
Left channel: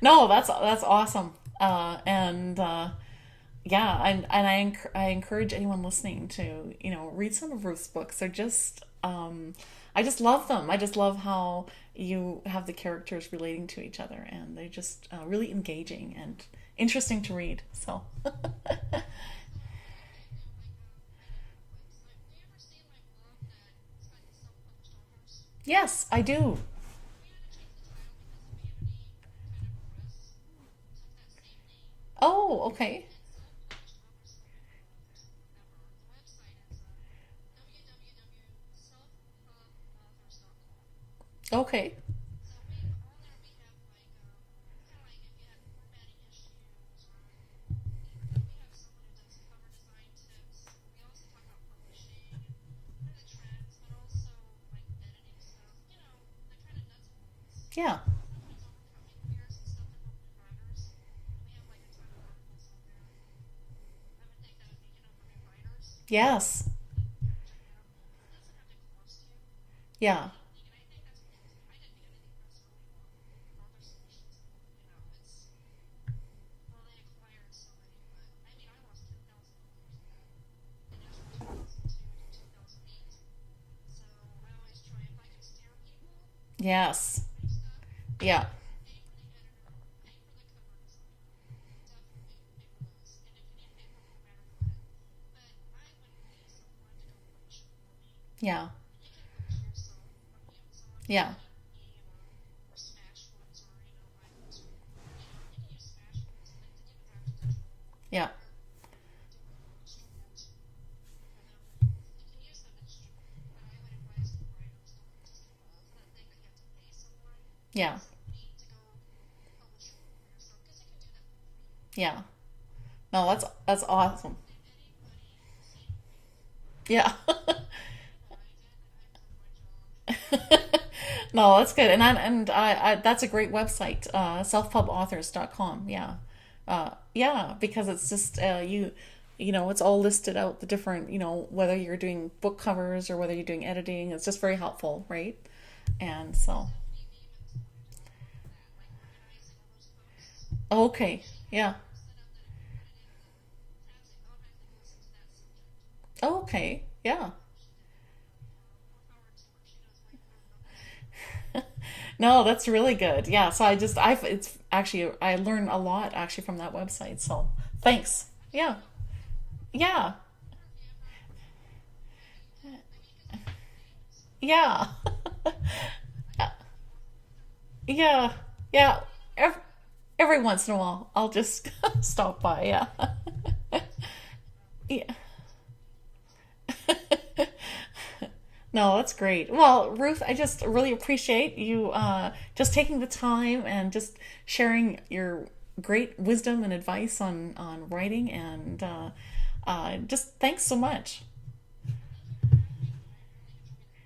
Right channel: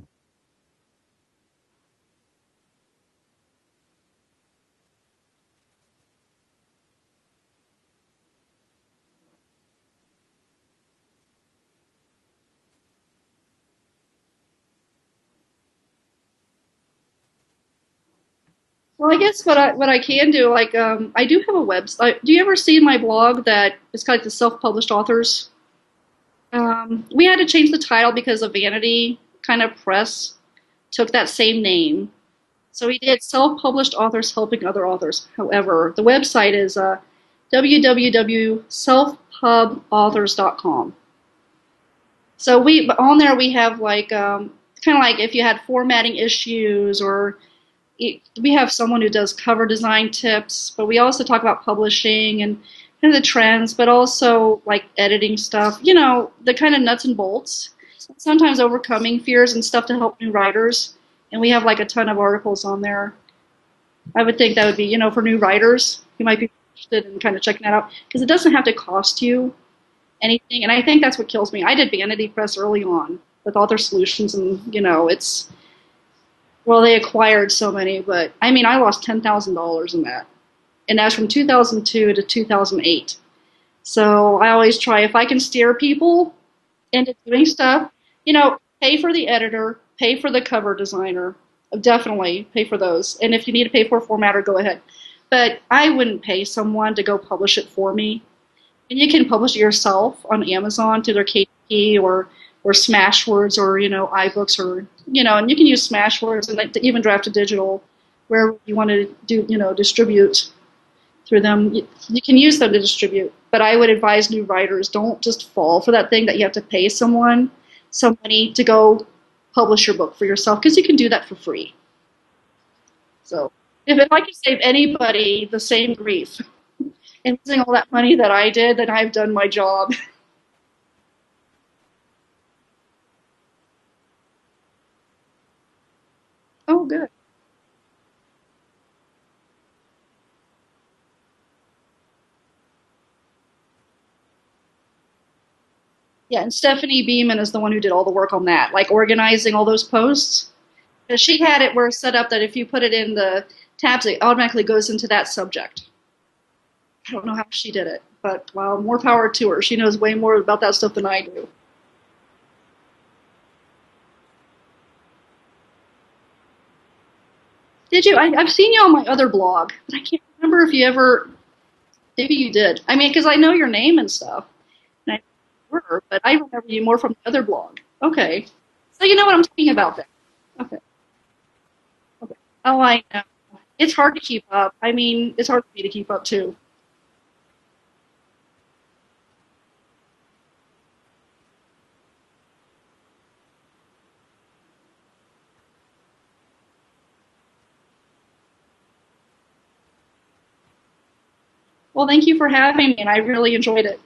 No, that's awesome. And yeah, and I encourage anyone listening to, read some of Ruth's books. They're just I just love them. I just love how you have the characters relating to each other, and they're just really engaging and interesting to read. So Well, I guess what I can do, like I do have a website. Do you ever see my blog that it's kind of like the self-published authors? yes, I do. We had to change the title because of Vanity kind of press took that same name. Oh, okay. So we did self-published authors helping other authors. However, the website is www.selfpubauthors.com. Okay. So on there we have like kind of like if you had formatting issues or we have someone who does cover design tips, but we also talk about publishing and kind of the trends, but also like editing stuff, the kind of nuts and bolts. Yeah. Sometimes overcoming fears and stuff to help new writers. And we have like a ton of articles on there. I would think that would be, for new writers. You might be Yes. interested in kind of checking that out because it doesn't have to cost you Yeah. anything. And I think that's what kills me. I did Vanity Press early on with Author Solutions, and well, they acquired so many, but I mean, I lost $10,000 in that. and that's from 2002 to 2008. So I always try, if I can steer people into Yes. doing stuff, Yeah. pay for the editor, pay for the cover designer, definitely pay for those. And if you need to pay for a formatter, go ahead. But I wouldn't pay someone to go publish it for me. Yeah. And you can publish it yourself on Amazon through their Yeah. KDP or Smashwords or iBooks or and you can use Smashwords and like to even draft a digital Yeah. where you want to do distribute through them. You can use them to distribute, but I would advise new writers, don't just fall for that thing that you have to pay someone Yeah. some money to go publish your book for yourself, because you can do that for free. Yeah. No, So that's if I awesome. can save anybody the same grief Yeah. and losing all that money that I did, then I've done my job. No, that's good. And I that's a great website, selfpubauthors.com. Yeah. Oh, good. Yeah, because it's just it's all listed out, the different, whether you're doing book covers or whether you're doing editing. It's just very helpful, right? And Yeah, and so, Stephanie Beeman is the one who did all the work on that, like organizing all those posts. okay. 'Cause she had Yeah. it where set up that if you put it in the tabs, it automatically goes into that subject. Okay. I don't Yeah. know how she did it, but well, more power to her. She knows way more about that stuff than I do. No, that's really good. Yeah. So it's actually, I learned a lot actually from that website. So Did you? thanks. I've seen Yeah. you on my other blog. I Yeah. can't remember if you ever, maybe you did. I mean, because I know your name and stuff, Yeah. and I remember, but I remember you more from the other blog. Yeah. Okay, Yeah. so you know what I'm Ev- talking about then. Every once in a while, I'll just stop by. Oh, Yeah. I know. It's hard to keep up. I mean, it's hard for me to keep up too. No, that's great. Well, Ruth, I just really appreciate you just taking the time and just sharing your great wisdom and advice on writing, and just thanks so much. Well, thank you for having me, and I really enjoyed it.